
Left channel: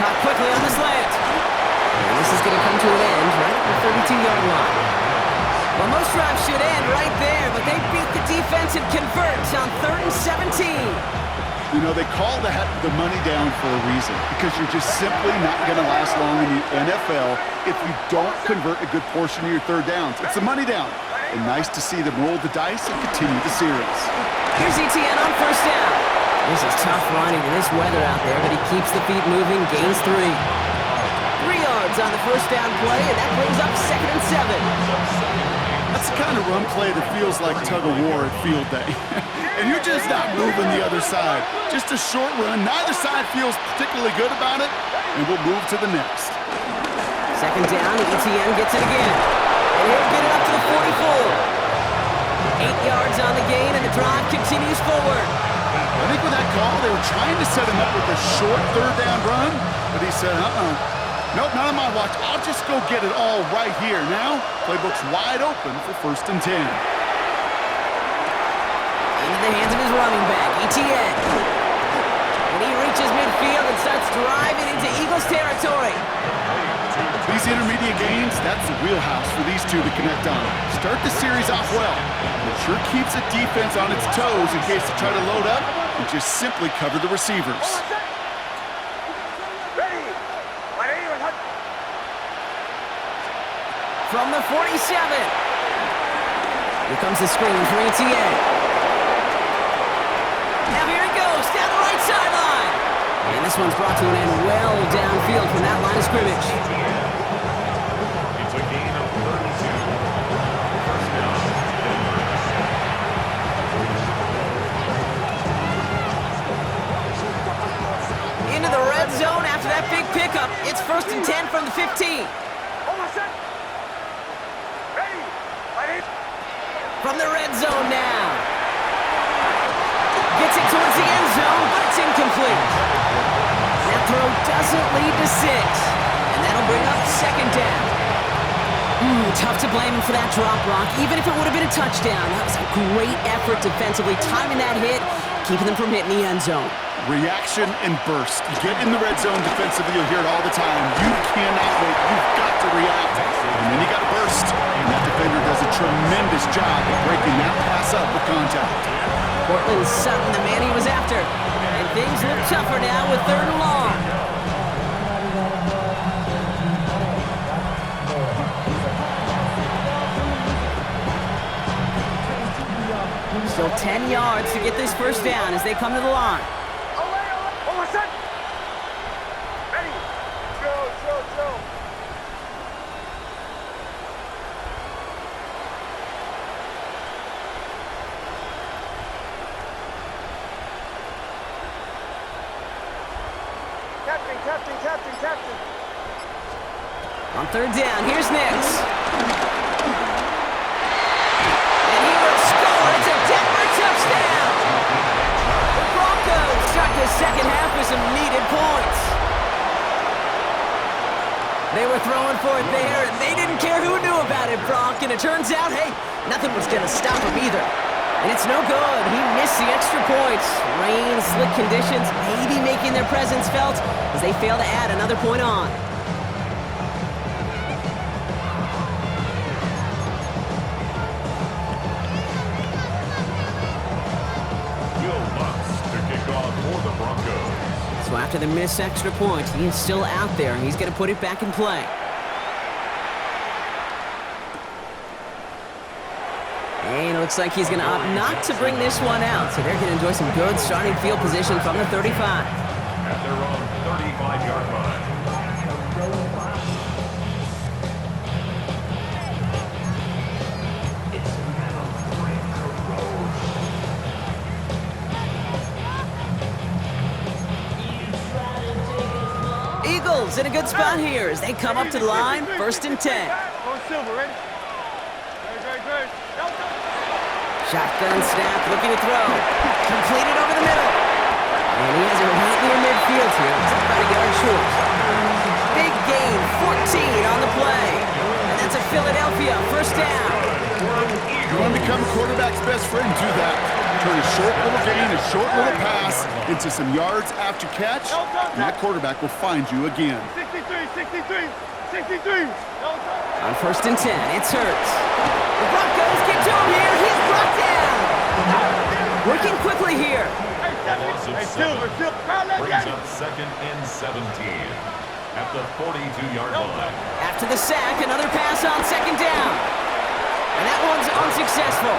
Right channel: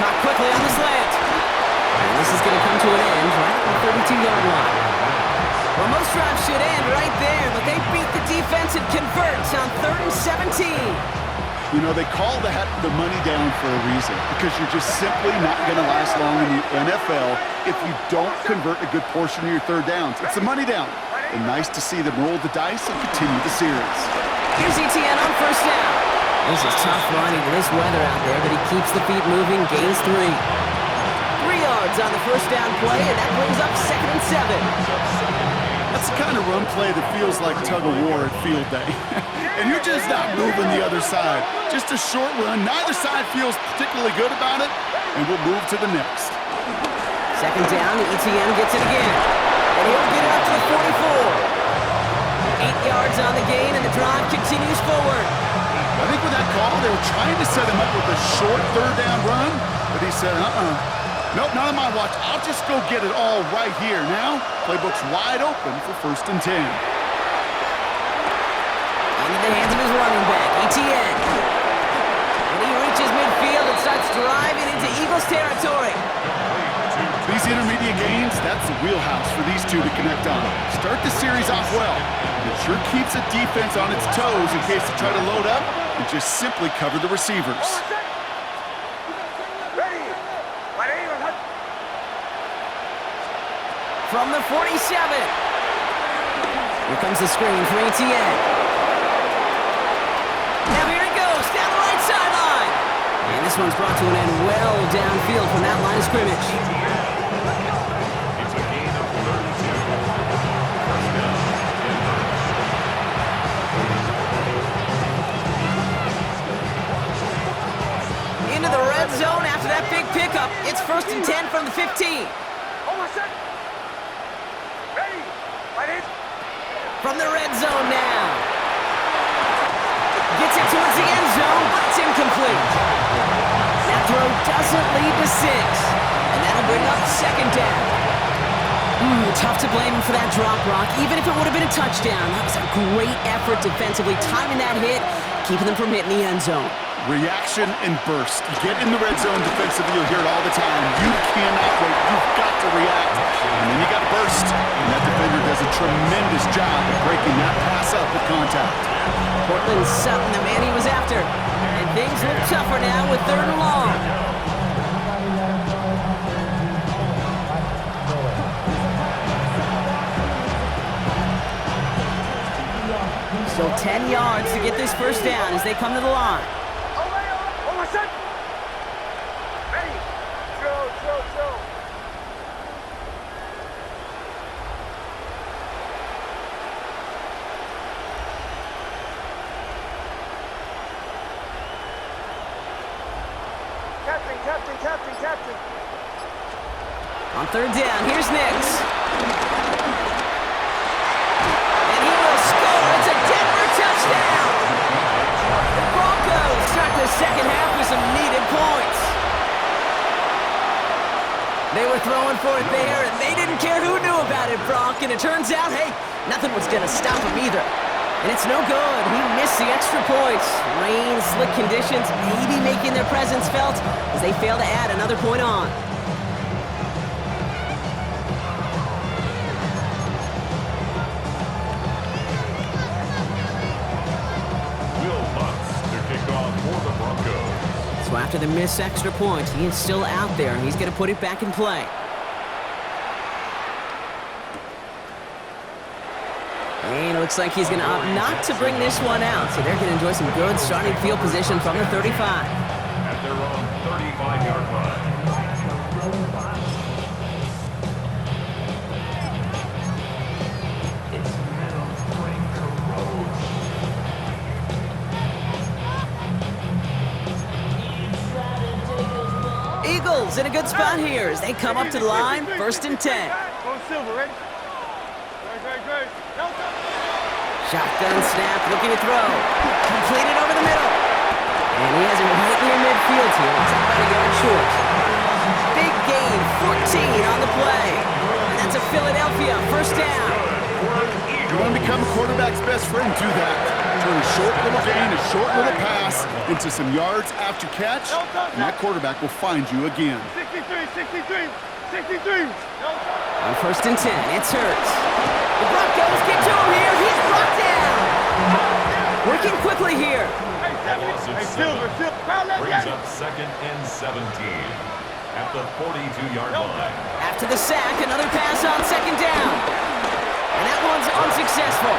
Caught quickly on the slant. And this is going to come to an end right at the 32-yard line. Well, most drives should end right there, but they beat the defense and convert on 3rd and 17. You know, they call that the money down for a reason, because you're just simply not going to last long in the NFL if you don't convert a good portion of your third downs. It's the money down. And nice to see them roll the dice and continue the series. Here's ETN on first down. This is tough running in this weather out there, but he keeps the feet moving, gains 3. 3 yards on the first down play, and that brings up 2nd and 7. That's the kind of run play that feels like tug-of-war at field day. And you're just not moving the other side. Just a short run. Neither side feels particularly good about it, and we'll move to the next. 2nd down, ETN gets it again. And he'll get it up to the 44. 8 yards on the gain, and the drive continues forward. I think with that call, they were trying to set him up with a short third down run, but he said, nope, not on my watch. I'll just go get it all right here. Now, playbook's wide open for 1st and 10. Into the hands of his running back, ETN. And he reaches midfield and starts driving into Eagles territory. These intermediate gains, that's the wheelhouse for these two to connect on. Start the series off well. It sure keeps the defense on its toes in case they try to load up and just simply cover the receivers. From the 47. Here comes the screen for ETN. Now here he goes, down the right sideline. And this one's brought to an end well downfield from that line of scrimmage. It's a gain of 32. First down, Denver. Into the red zone after that big pickup. It's 1st and 10 from the 15. From the red zone now. Gets it towards the end zone, but it's incomplete. That throw doesn't lead to 6. And that'll bring up 2nd down. Tough to blame him for that drop, Brock. Even if it would have been a touchdown, that was a great effort defensively, timing that hit, keeping them from hitting the end zone. Reaction and burst. You get in the red zone defensively, you'll hear it all the time. You cannot wait. You've got to react. And then you got to burst. And that defender does a tremendous job of breaking that pass up with contact. Portland Sutton, the man he was after. And things look tougher now with 3rd and long. Still 10 yards to get this first down as they come to the line. Captain. On 3rd down, here's Nix. And he will score. It's a Denver touchdown. The Broncos start the second half with some needed points. They were throwing for it there, and they didn't care who knew about it, Brock. And it turns out, hey, nothing was going to stop him either. And it's no good. He missed the extra points. Rain, slick conditions, maybe making their presence felt as they fail to add another point on. Will Lutz to kick off for the Broncos. So after the missed extra point, he is still out there. He's going to put it back in play. And it looks like he's going to opt not to bring this one out. So they're going to enjoy some good starting field position from the 35. At their own 35-yard line. Eagles in a good spot here as they come up to the line, 1st and 10. Going silver, ready? Great. No touch. Shotgun snap, looking to throw. Completed over the middle. And he has it right near midfield here. It's about a yard short. Big gain, 14 on the play. And that's a Philadelphia first down. You want to become a quarterback's best friend, do that. Turn a short little gain, a short little pass into some yards after catch, and that quarterback will find you again. 63. On first and 10, it's Hurts. The Broncos get to him here. He's brought down. Working quickly here. Hey, Silver. Brings up 2nd and 17 at the 42-yard line. After the sack, another pass on second down. And that one's unsuccessful.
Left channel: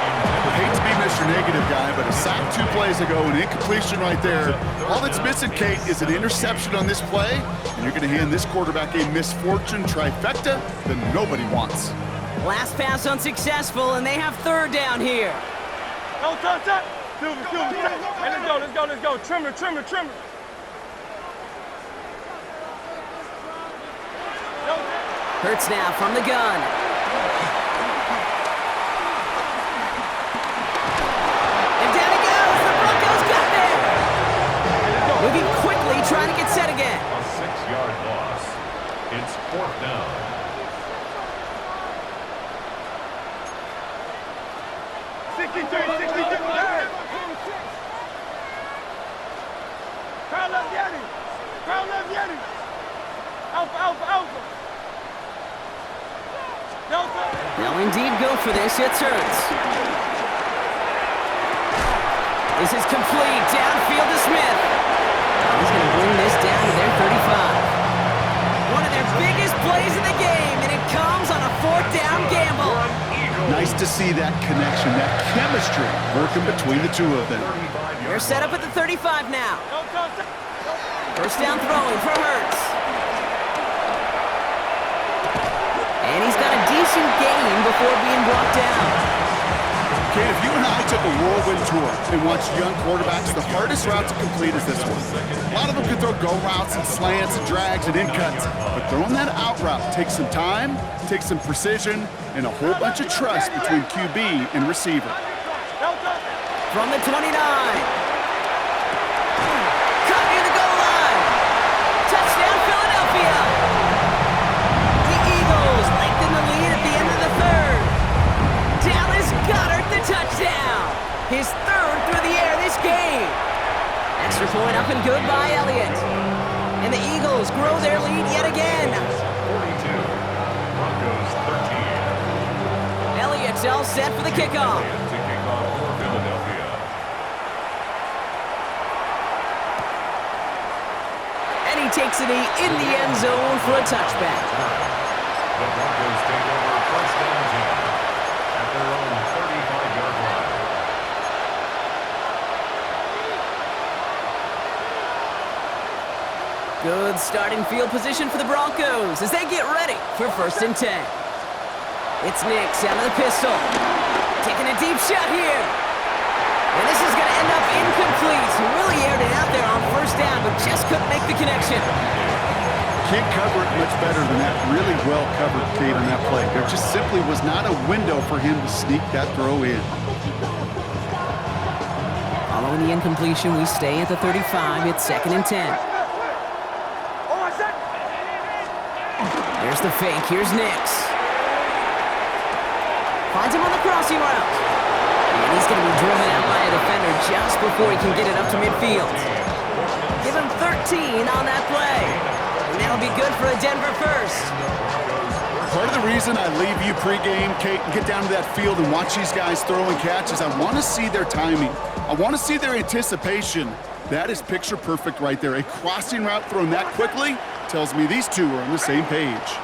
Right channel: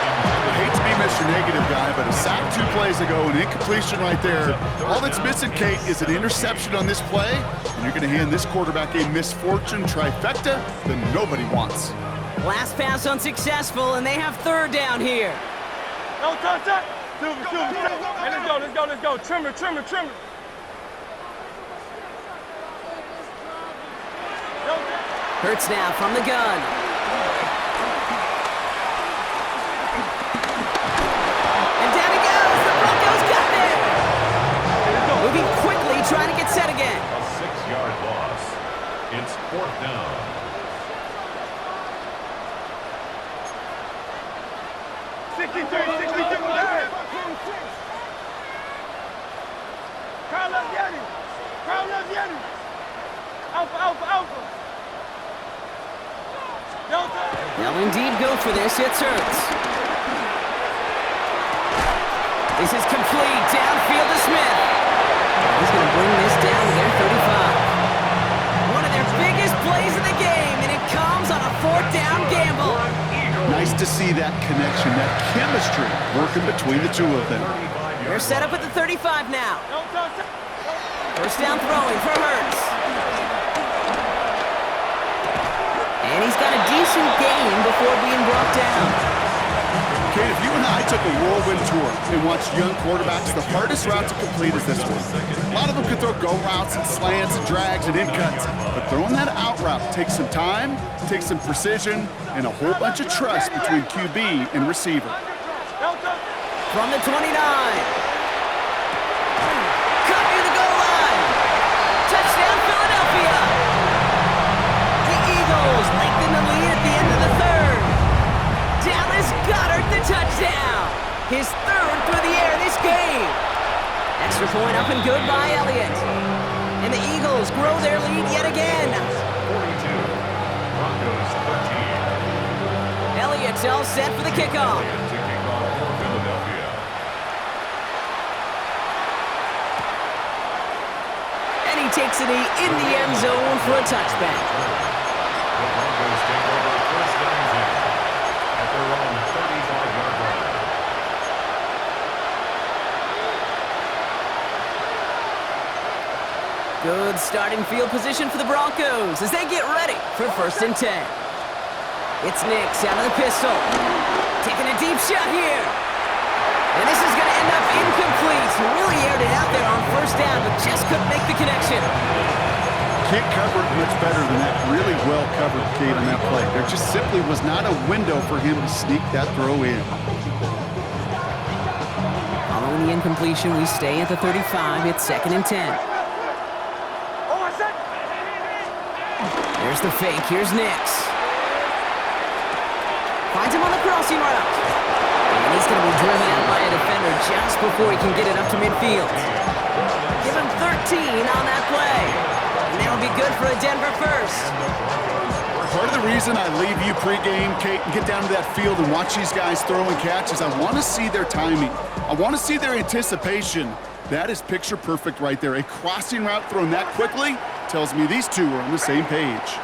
I hate to be Mr. Negative guy, but a sack 2 plays ago, an incompletion right there. All that's missing, Kate, is an interception on this play, and you're going to hand this quarterback a misfortune trifecta that nobody wants. Last pass unsuccessful, and they have third down here. No touch. Silver. Hey, let's go. Trimmer. Hurts now from the gun. And down he goes. The Broncos got there. Moving quickly, trying to get set again. A 6-yard loss. It's 4th down. Crowd left Yeti. Alpha. Delta. They'll indeed go for this. It's Hurts. This is complete. Downfield to Smith. He's going to bring this down to their 35. One of their biggest plays in the game, and it comes on a 4th down gamble. Nice to see that connection, that chemistry working between the two of them. They're set up at the 35 now. No touch. First down throwing for Hurts. And he's got a decent gain before being brought down. Kate, if you and I took a whirlwind tour and watched young quarterbacks, the hardest route to complete is this one. A lot of them can throw go routes and slants and drags and in cuts, but throwing that out route takes some time, takes some precision, and a whole bunch of trust between QB and receiver. From the 29. Cut near the goal line. Touchdown, Philadelphia. The Eagles lengthen the lead at the end of the third. Dallas Goedert the touchdown. His 3rd through the air this game. Extra point up and good by Elliott. And the Eagles grow their lead yet again. 42. Broncos 13. Elliott's all set for the kickoff. To kick off for Philadelphia. And he takes it in the end zone for a touchback. The Broncos take over 1st and 10 at their own 35-yard line. Good starting field position for the Broncos as they get ready for 1st and 10. It's Nix out of the pistol. Taking a deep shot here. And this is going to end up incomplete. He really aired it out there on 1st down, but just couldn't make the connection. Can't cover it much better than that. Really well covered, Kate, on that play. There just simply was not a window for him to sneak that throw in. Following the incompletion, we stay at the 35. It's 2nd and 10. There's the fake. Here's Nix. Finds him on the crossing route. And he's going to be driven out by a defender just before he can get it up to midfield. Give him 13 on that play. And that'll be good for a Denver first. Part of the reason I leave you pregame, Kate, and get down to that field and watch these guys throw and catch is I want to see their timing. I want to see their anticipation. That is picture perfect right there. A crossing route thrown that quickly tells me these two are on the same page.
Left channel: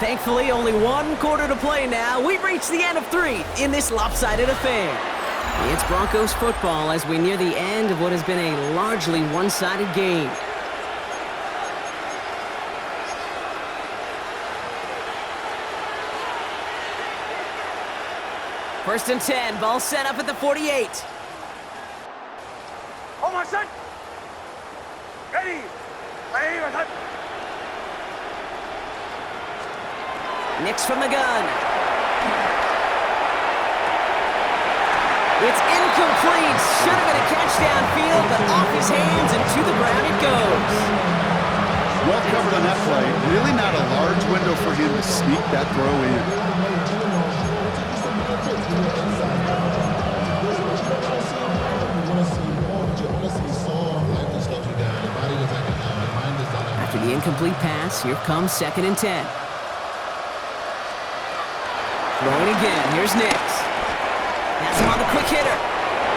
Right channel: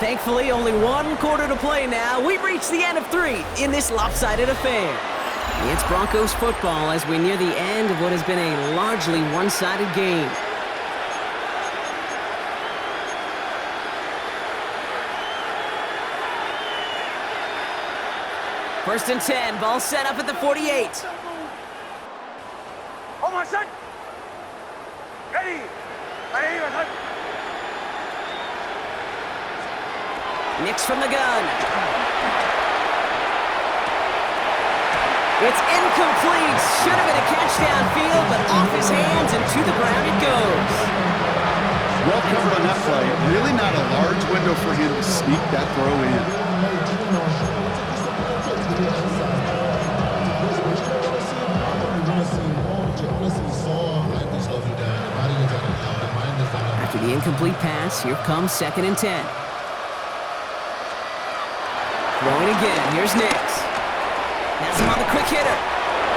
Thankfully, only 1 quarter to play now. We've reached the end of 3 in this lopsided affair. It's Broncos football as we near the end of what has been a largely one-sided game. First and 10, ball set up at the 48. Oh my son! Ready! Ready, my son! Nix from the gun. It's incomplete. Should have been a catch downfield, but off his hands and to the ground it goes. Well covered on that play. Really not a large window for him to sneak that throw in. After the incomplete pass, here comes 2nd and 10. Throwing again. Here's Nix. Has him on the quick hitter.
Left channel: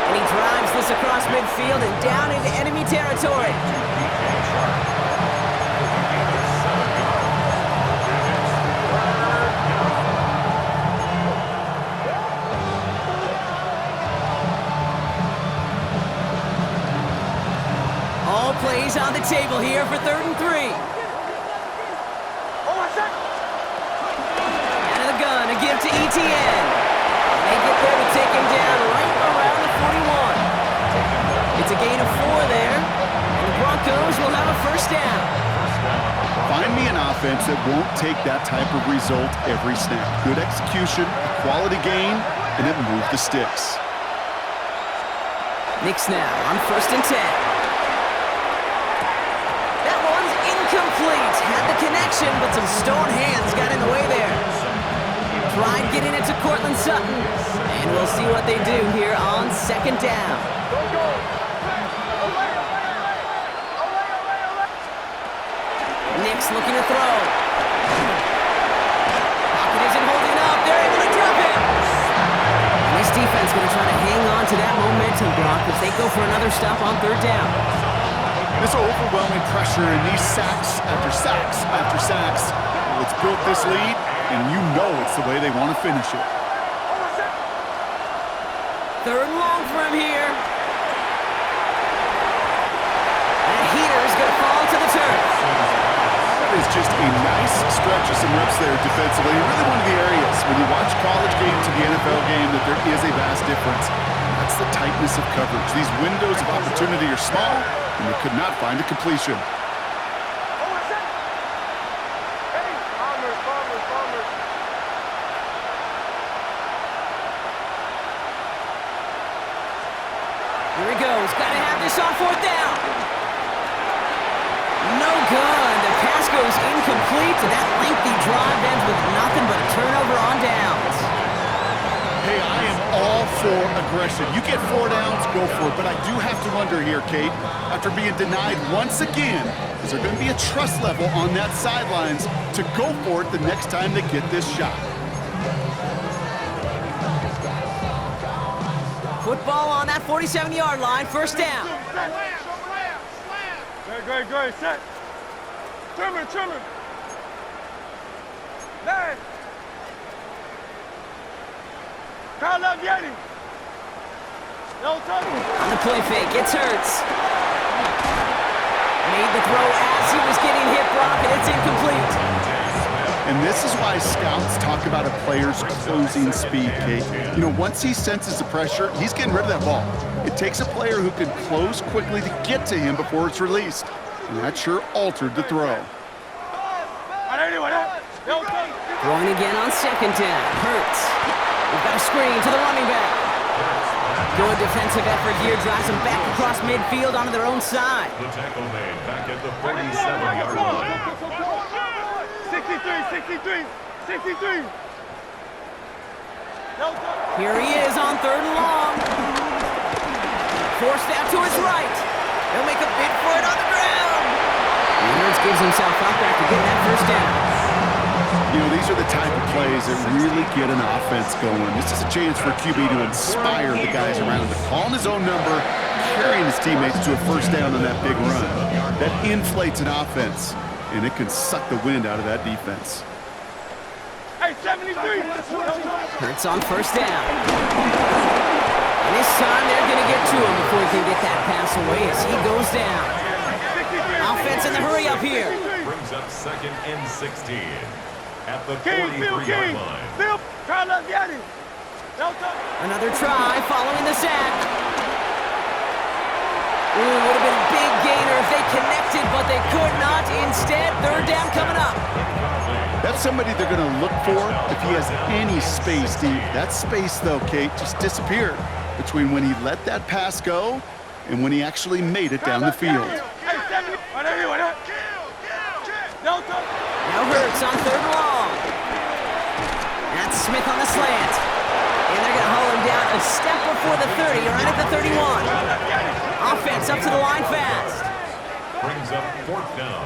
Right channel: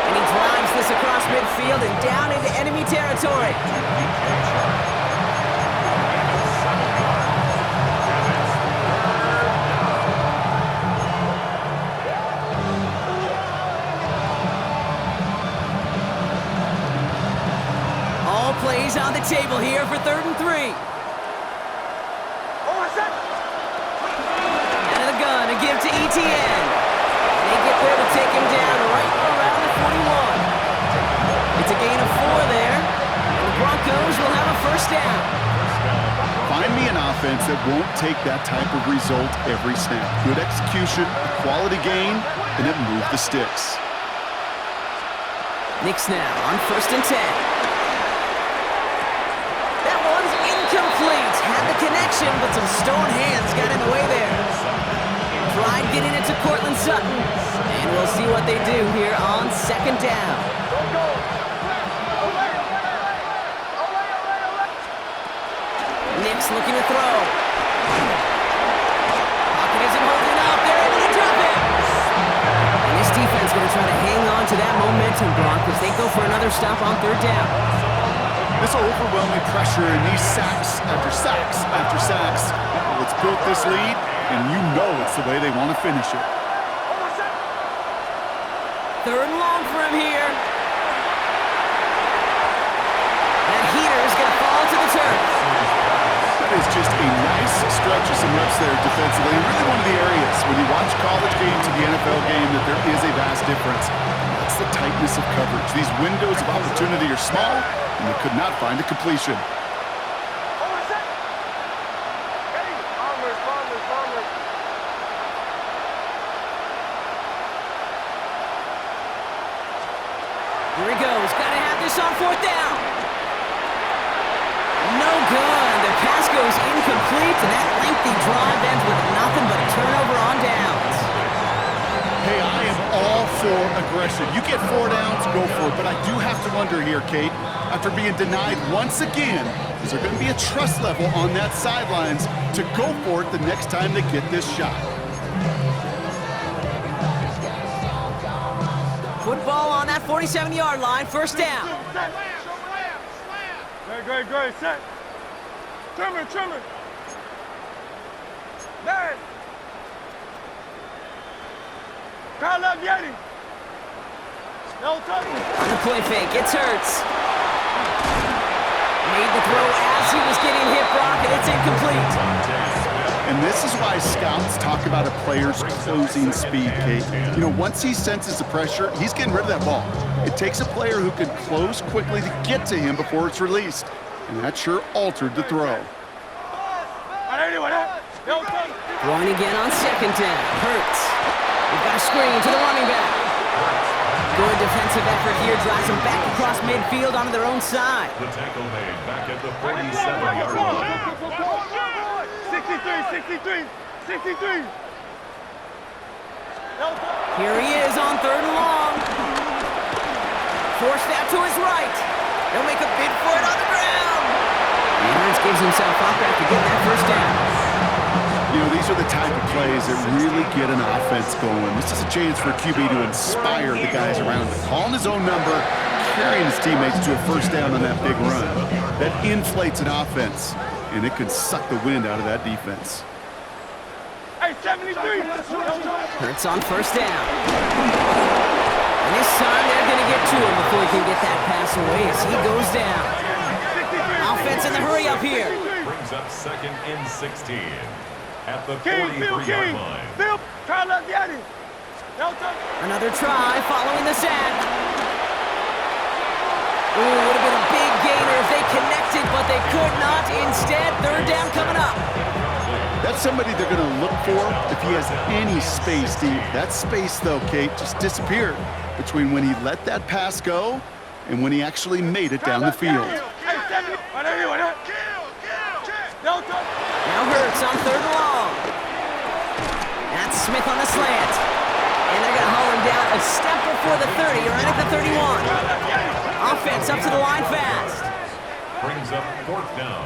And he drives this across midfield and down into enemy territory. All plays on the table here for 3rd and 3. Out of the gun, a give to ETN. They get there to take him down right around the 41. It's a gain of 4 there, and the Broncos will have a 1st down. Find me an offense that won't take that type of result every snap. Good execution, a quality gain, and it moved the sticks. Nix now on 1st and 10. That one's incomplete. Had the connection, but some stone hands got in the way there. Tried getting it to Cortland Sutton, and we'll see what they do here on 2nd down. Nix looking to throw. Pocket isn't holding up. They're able to drop him. And this defense going to try to hang on to that momentum, Brock, as they go for another stop on 3rd down. This overwhelming pressure and these sacks after sacks after sacks. It's built this lead, and you know it's the way they want to finish it. 3rd and long for him here. That heater is going to fall to the turf. That is just a nice stretch of some reps there defensively. And really one of the areas when you watch college game to the NFL game that there is a vast difference. And that's the tightness of coverage. These windows of opportunity are small, and they could not find a completion. Here he goes. Got to have this on 4th down. No good. The pass goes incomplete, and that lengthy drive ends with nothing but a turnover on downs. Hey, I am all for aggression. You get 4 downs, go for it. But I do have to wonder here, Kate, after being denied once again, is there going to be a trust level on that sidelines to go for it the next time they get this shot? Football on that 47-yard line, 1st down. Great, set. Trimmer. Man. Kyle up, Yeti. No touch. On the play fake, it's Hurts. Made the throw as he was getting hit, Brock, and it's incomplete. And this is why scouts talk about a player's closing speed, Kate. You know, once he senses the pressure, he's getting rid of that ball. It takes a player who can close quickly to get to him before it's released. And that sure altered the throw. Throwing again on 2nd down. Hurts. We've got a screen to the running back. Good defensive effort here. Drives them back across midfield onto their own side. The tackle made back at the 47-yard line. 63. Here he is on 3rd and long. Forced out to his right. He'll make a bid for it on the ground. And Hurts gives himself up after getting that 1st down. You know, these are the type of plays that really get an offense going. This is a chance for QB to inspire the guys around him. Calling his own number, carrying his teammates to a 1st down on that big run. That inflates an offense, and it can suck the wind out of that defense. Hey, 73. Hurts on 1st down. And this time they're going to get to him before he can get that pass away as he goes down. Offense in the hurry up here. Brings up 2nd and 16 at the 43-yard line. Another try following the sack. Ooh, would have been a big gainer if they connected, but they could not. Instead, 3rd down coming up. Incomplete. That's somebody they're going to look for if he has any space, Steve. That space, though, Kate, just disappeared between when he let that pass go and when he actually made it down the field. Now Hurts on 3rd and long. That's Smith on the slant. And they're going to haul him down a step before the 30, right at the 31. Offense up to the line fast. Brings up 4th down.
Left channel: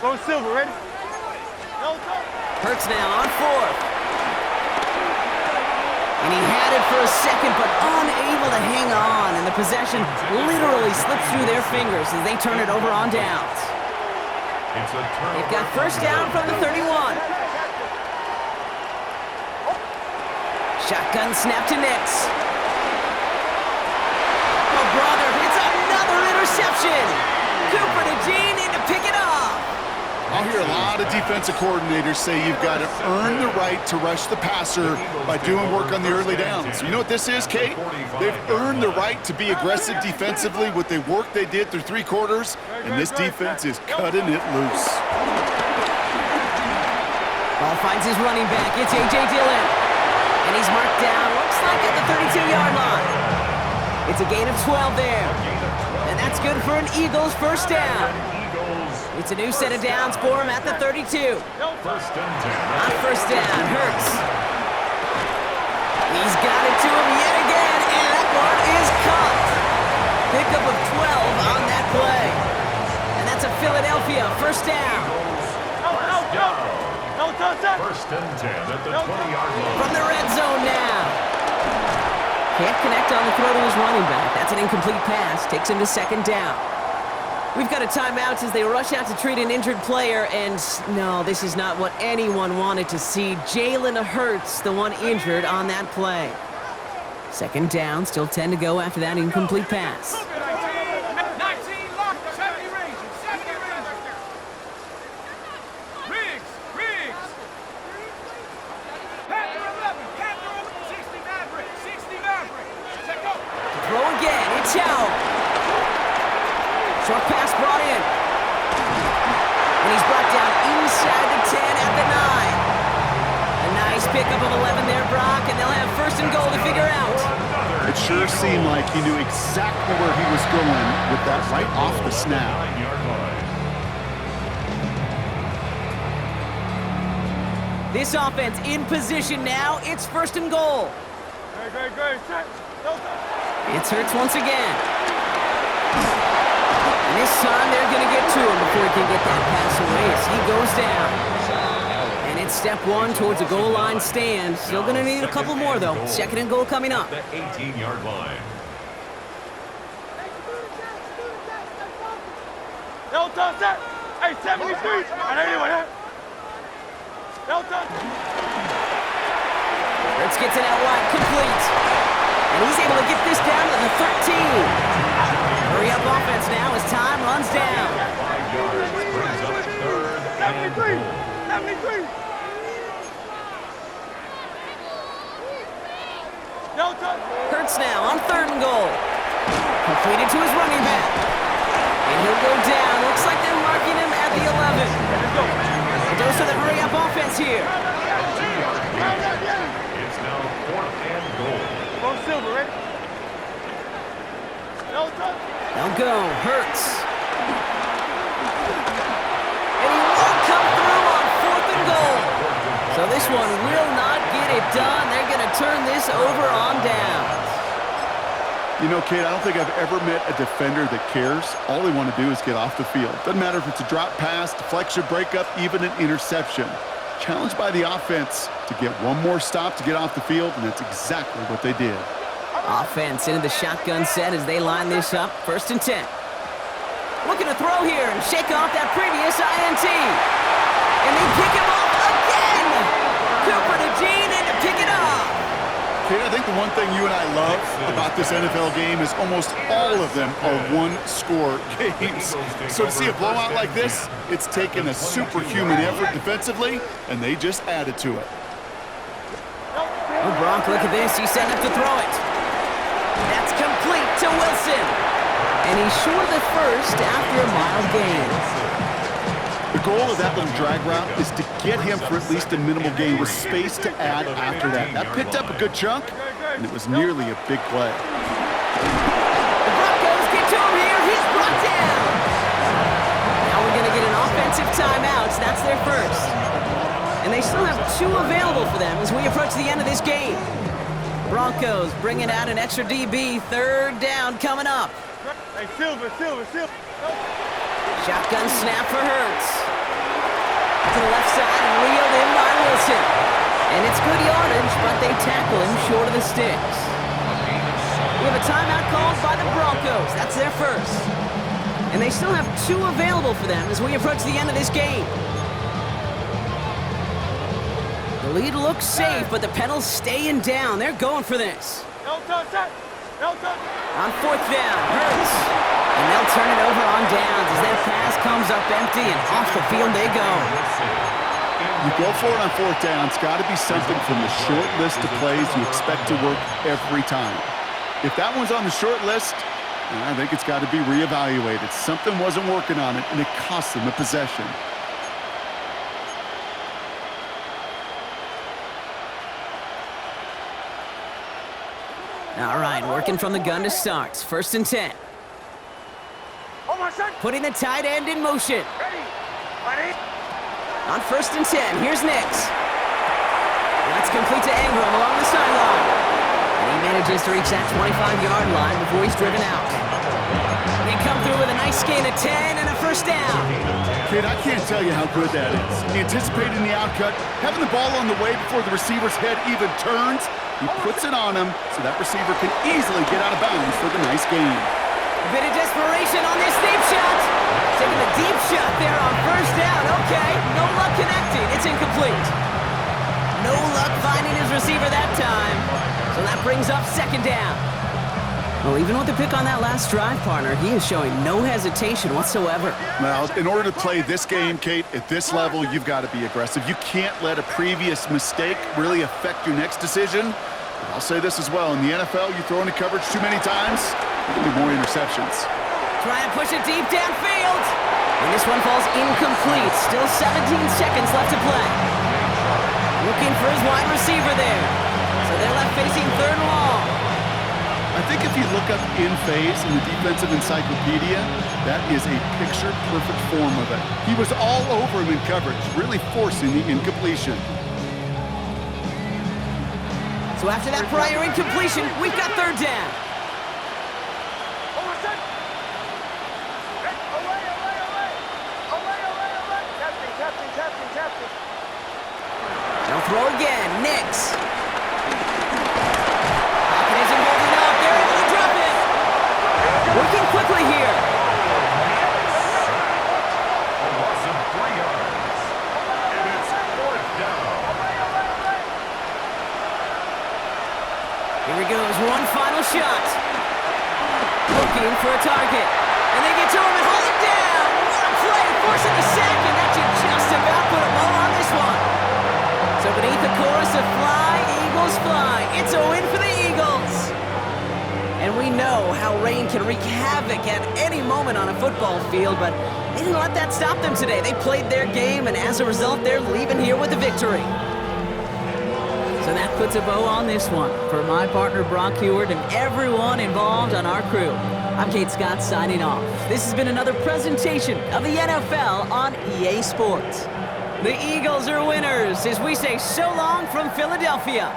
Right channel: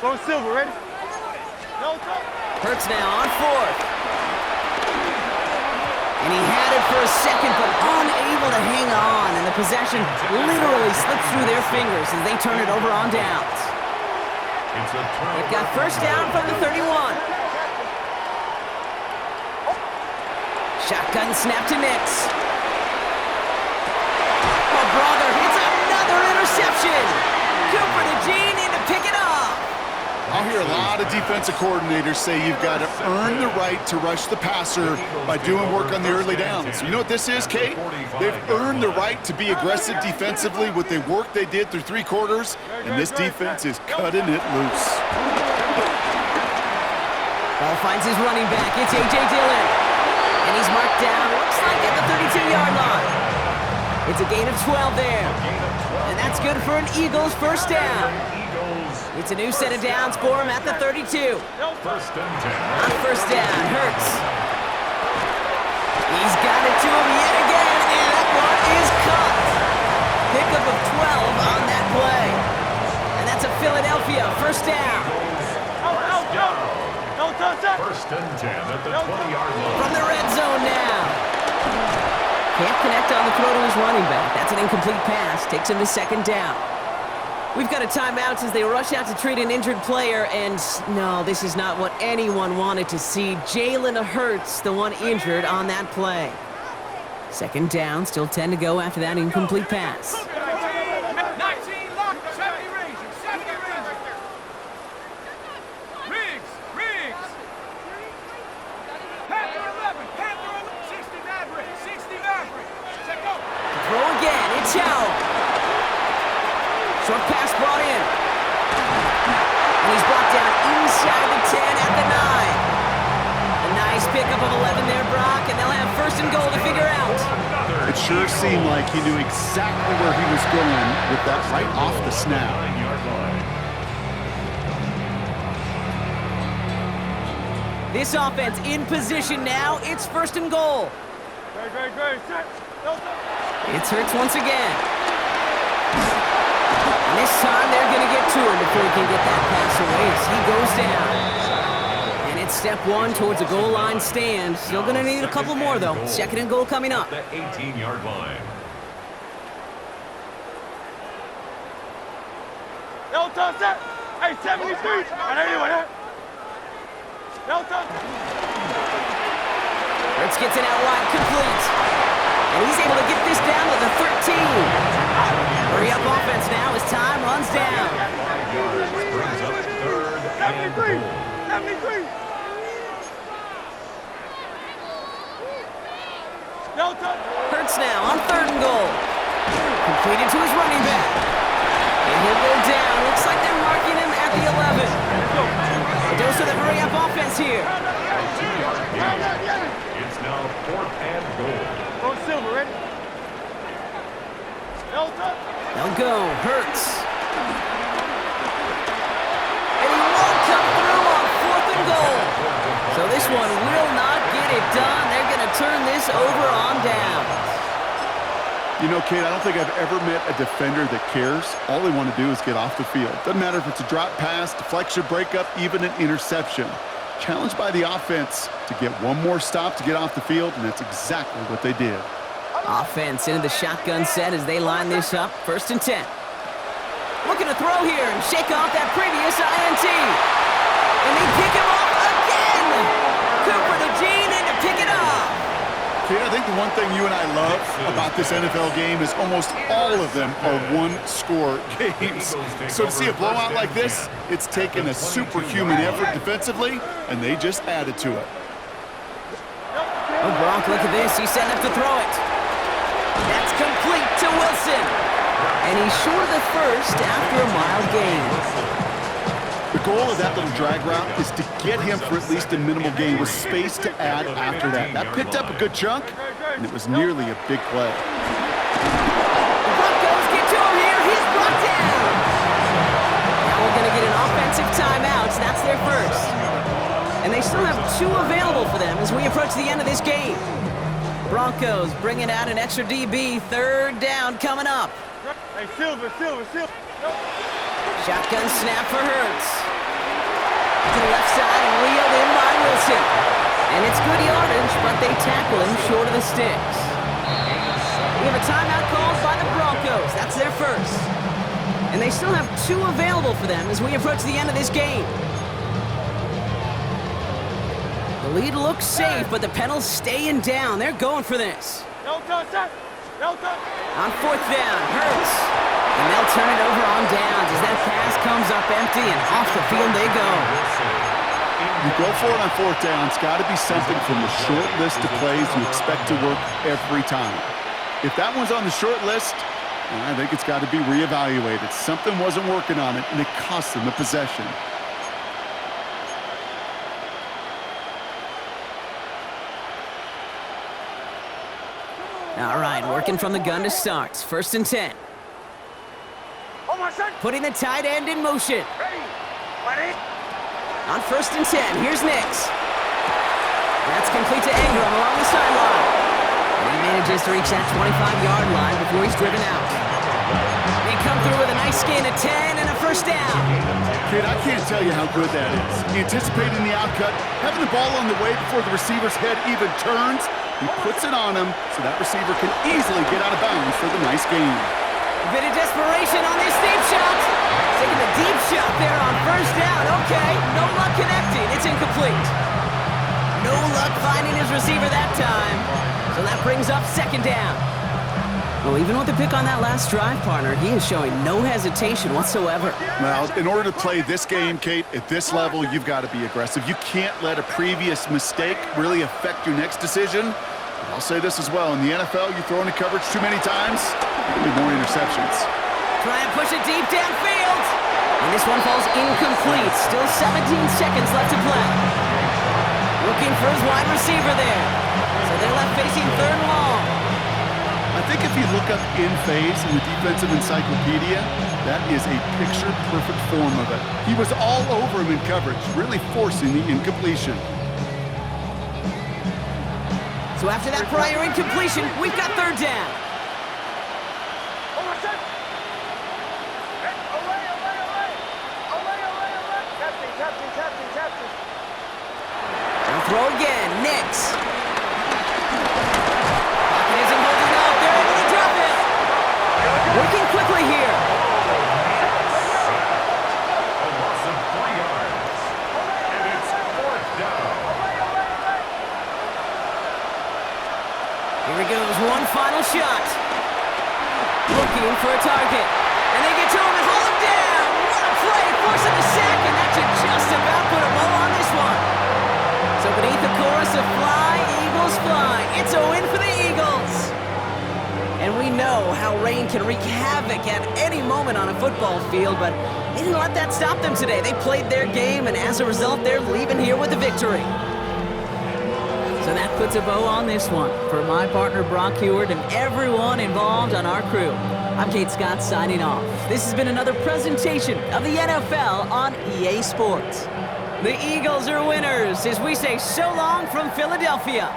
Go Silver, ready? Hurts now on 4th. And he had it for a second, but unable to hang on. And the possession literally slips through their fingers as they turn it over on downs. It's a turnover. They've got 1st down from the 31. Shotgun snap to Nix. Oh, brother, it's another interception. Cooper to Jean in to pick it up. I'll hear a lot of defensive coordinators say you've got to earn the right to rush the passer by doing work on the early downs. You know what this is, Kate? They've earned the right to be aggressive defensively with the work they did through 3 quarters, and this defense is cutting it loose. Ball finds his running back. It's A.J. Dillon. And he's marked down, looks like at the 32-yard line. It's a gain of 12 there. And that's good for an Eagles 1st down. It's a new set of downs for him at the 32. 1st and 10. On 1st down, Hurts. He's got it to him yet again, and that one is caught. Pickup of 12 on that play. And that's a Philadelphia 1st down. 1st and 10 at the 20-yard line. From the red zone now. Can't connect on the throw to his running back. That's an incomplete pass. Takes him to 2nd down. We've got a timeout as they rush out to treat an injured player, and no, this is not what anyone wanted to see. Jalen Hurts, the one injured on that play. 2nd down, still 10 to go after that incomplete pass. 19 lock, 70 Ranger, 70 Ranger. Riggs. Panther 11, Panther 11, 60 Maverick, 60 Maverick. Check up. Throw again, it's Howell. Short pass brought in. And he's brought down inside the 10 at the 9. A nice pickup of 11 there, Brock, and they'll have 1st and goal to figure out. It sure seemed like he knew exactly where he was going with that right off the snap. 9-yard line. This offense in position now. It's 1st and goal. Great. It's Hurts once again. And this time they're going to get to him before he can get that pass away as he goes down. And it's step 1 towards a goal line stand. Still going to need a couple more, though. 2nd and goal coming up. The 18-yard line. No touch that. Hey, 73. No touch. Hurts gets it out wide, complete. And he's able to get this down to the 13. Hurry up offense now as time runs down. 5 yards brings up 3rd and 73. goal. 73. No touch. Hurts now on 3rd and goal. Completed to his running back. And he'll go down. Looks like they're marking him at the 11. Let's go. A dose of the hurry-up offense here. 2-yard gain. It's now 4th and goal. Go Silver, ready? No touch. They'll go. Hurts. And he won't come through on 4th and goal. So this one will not get it done. They're going to turn this over on downs. You know, Kate, I don't think I've ever met a defender that cares. All they want to do is get off the field. Doesn't matter if it's a drop pass, deflection, breakup, even an interception. Challenged by the offense to get one more stop to get off the field, and that's exactly what they did. Offense into the shotgun set as they line this up. 1st and 10. Looking to throw here and shake off that previous INT. And they pick him off again. Cooper to Jean in to pick it up. Kate, I think the one thing you and I love about this NFL game is almost all of them are one-score games. So to see a blowout like this, it's taken a superhuman effort defensively, and they just added to it. Oh, Gronk, look at this. He's setting up to throw it. That's complete to Wilson. And he's short of the 1st after a mild gain. The goal of that little drag route is to get him for at least a minimal gain with space to add after that. That picked up a good chunk, and it was nearly a big play. The Broncos get to him here. He's brought down. Now we're going to get an offensive timeout. That's their first. And they still have 2 available for them as we approach the end of this game. Broncos bringing out an extra DB. 3rd down coming up. Hey, Silver. Shotgun snap for Hurts. To the left side and reeled in by Wilson. And it's good yardage, but they tackle him short of the sticks. We have a timeout called by the Broncos. That's their first. And they still have 2 available for them as we approach the end of this game. The lead looks safe, but the Penals staying down. They're going for this. No touch. On 4th down, Hurts. And they'll turn it over on downs as that pass comes up empty and off the field they go. You go for it on 4th down. It's got to be something from the short list of plays you expect to work every time. If that one's on the short list, I think it's got to be reevaluated. Something wasn't working on it, and it cost them a possession. All right, working from the gun to start. 1st and 10. Putting the tight end in motion. On 1st and 10, here's Nix. That's complete to Ingram along the sideline. And he manages to reach that 25-yard line before he's driven out. They come through with a nice gain of 10 and a 1st down. Kid, I can't tell you how good that is. Anticipating the outcut, having the ball on the way before the receiver's head even turns. He puts it on him so that receiver can easily get out of bounds for the nice gain. A bit of desperation on this deep shot. Taking the deep shot there on 1st down. Okay, no luck connecting. It's incomplete. No luck finding his receiver that time. So that brings up 2nd down. Well, even with the pick on that last drive, partner, he is showing no hesitation whatsoever. Well, in order to play this game, Kate, at this level, you've got to be aggressive. You can't let a previous mistake really affect your next decision. But I'll say this as well. In the NFL, you throw into coverage too many times, there'll be more interceptions. Try and push it deep downfield. And this one falls incomplete. Still 17 seconds left to play. Looking for his wide receiver there. So they're left facing 3rd and long. I think if you look up in phase in the defensive encyclopedia, that is a picture-perfect form of it. He was all over him in coverage, really forcing the incompletion. So after that prior incompletion, we've got 3rd down. They'll throw again. Nix. Pocket isn't holding up. They're able to drop it. Working quickly here. A loss of 3 yards. And it's 4th down. Here he goes. One final shot. Looking for a target. And they get to him and haul him down. What a play. Forcing the sack, and that should just about put a bow on this one. So beneath the chorus of Fly, Eagles Fly, it's a win for the Eagles. And we know how rain can wreak havoc at any moment on a football field, but they didn't let that stop them today. They played their game, and as a result, they're leaving here with a victory. So that puts a bow on this one. For my partner, Brock Heward, and everyone involved on our crew, I'm Kate Scott signing off. This has been another presentation of the NFL on EA Sports. The Eagles are winners as we say so long from Philadelphia.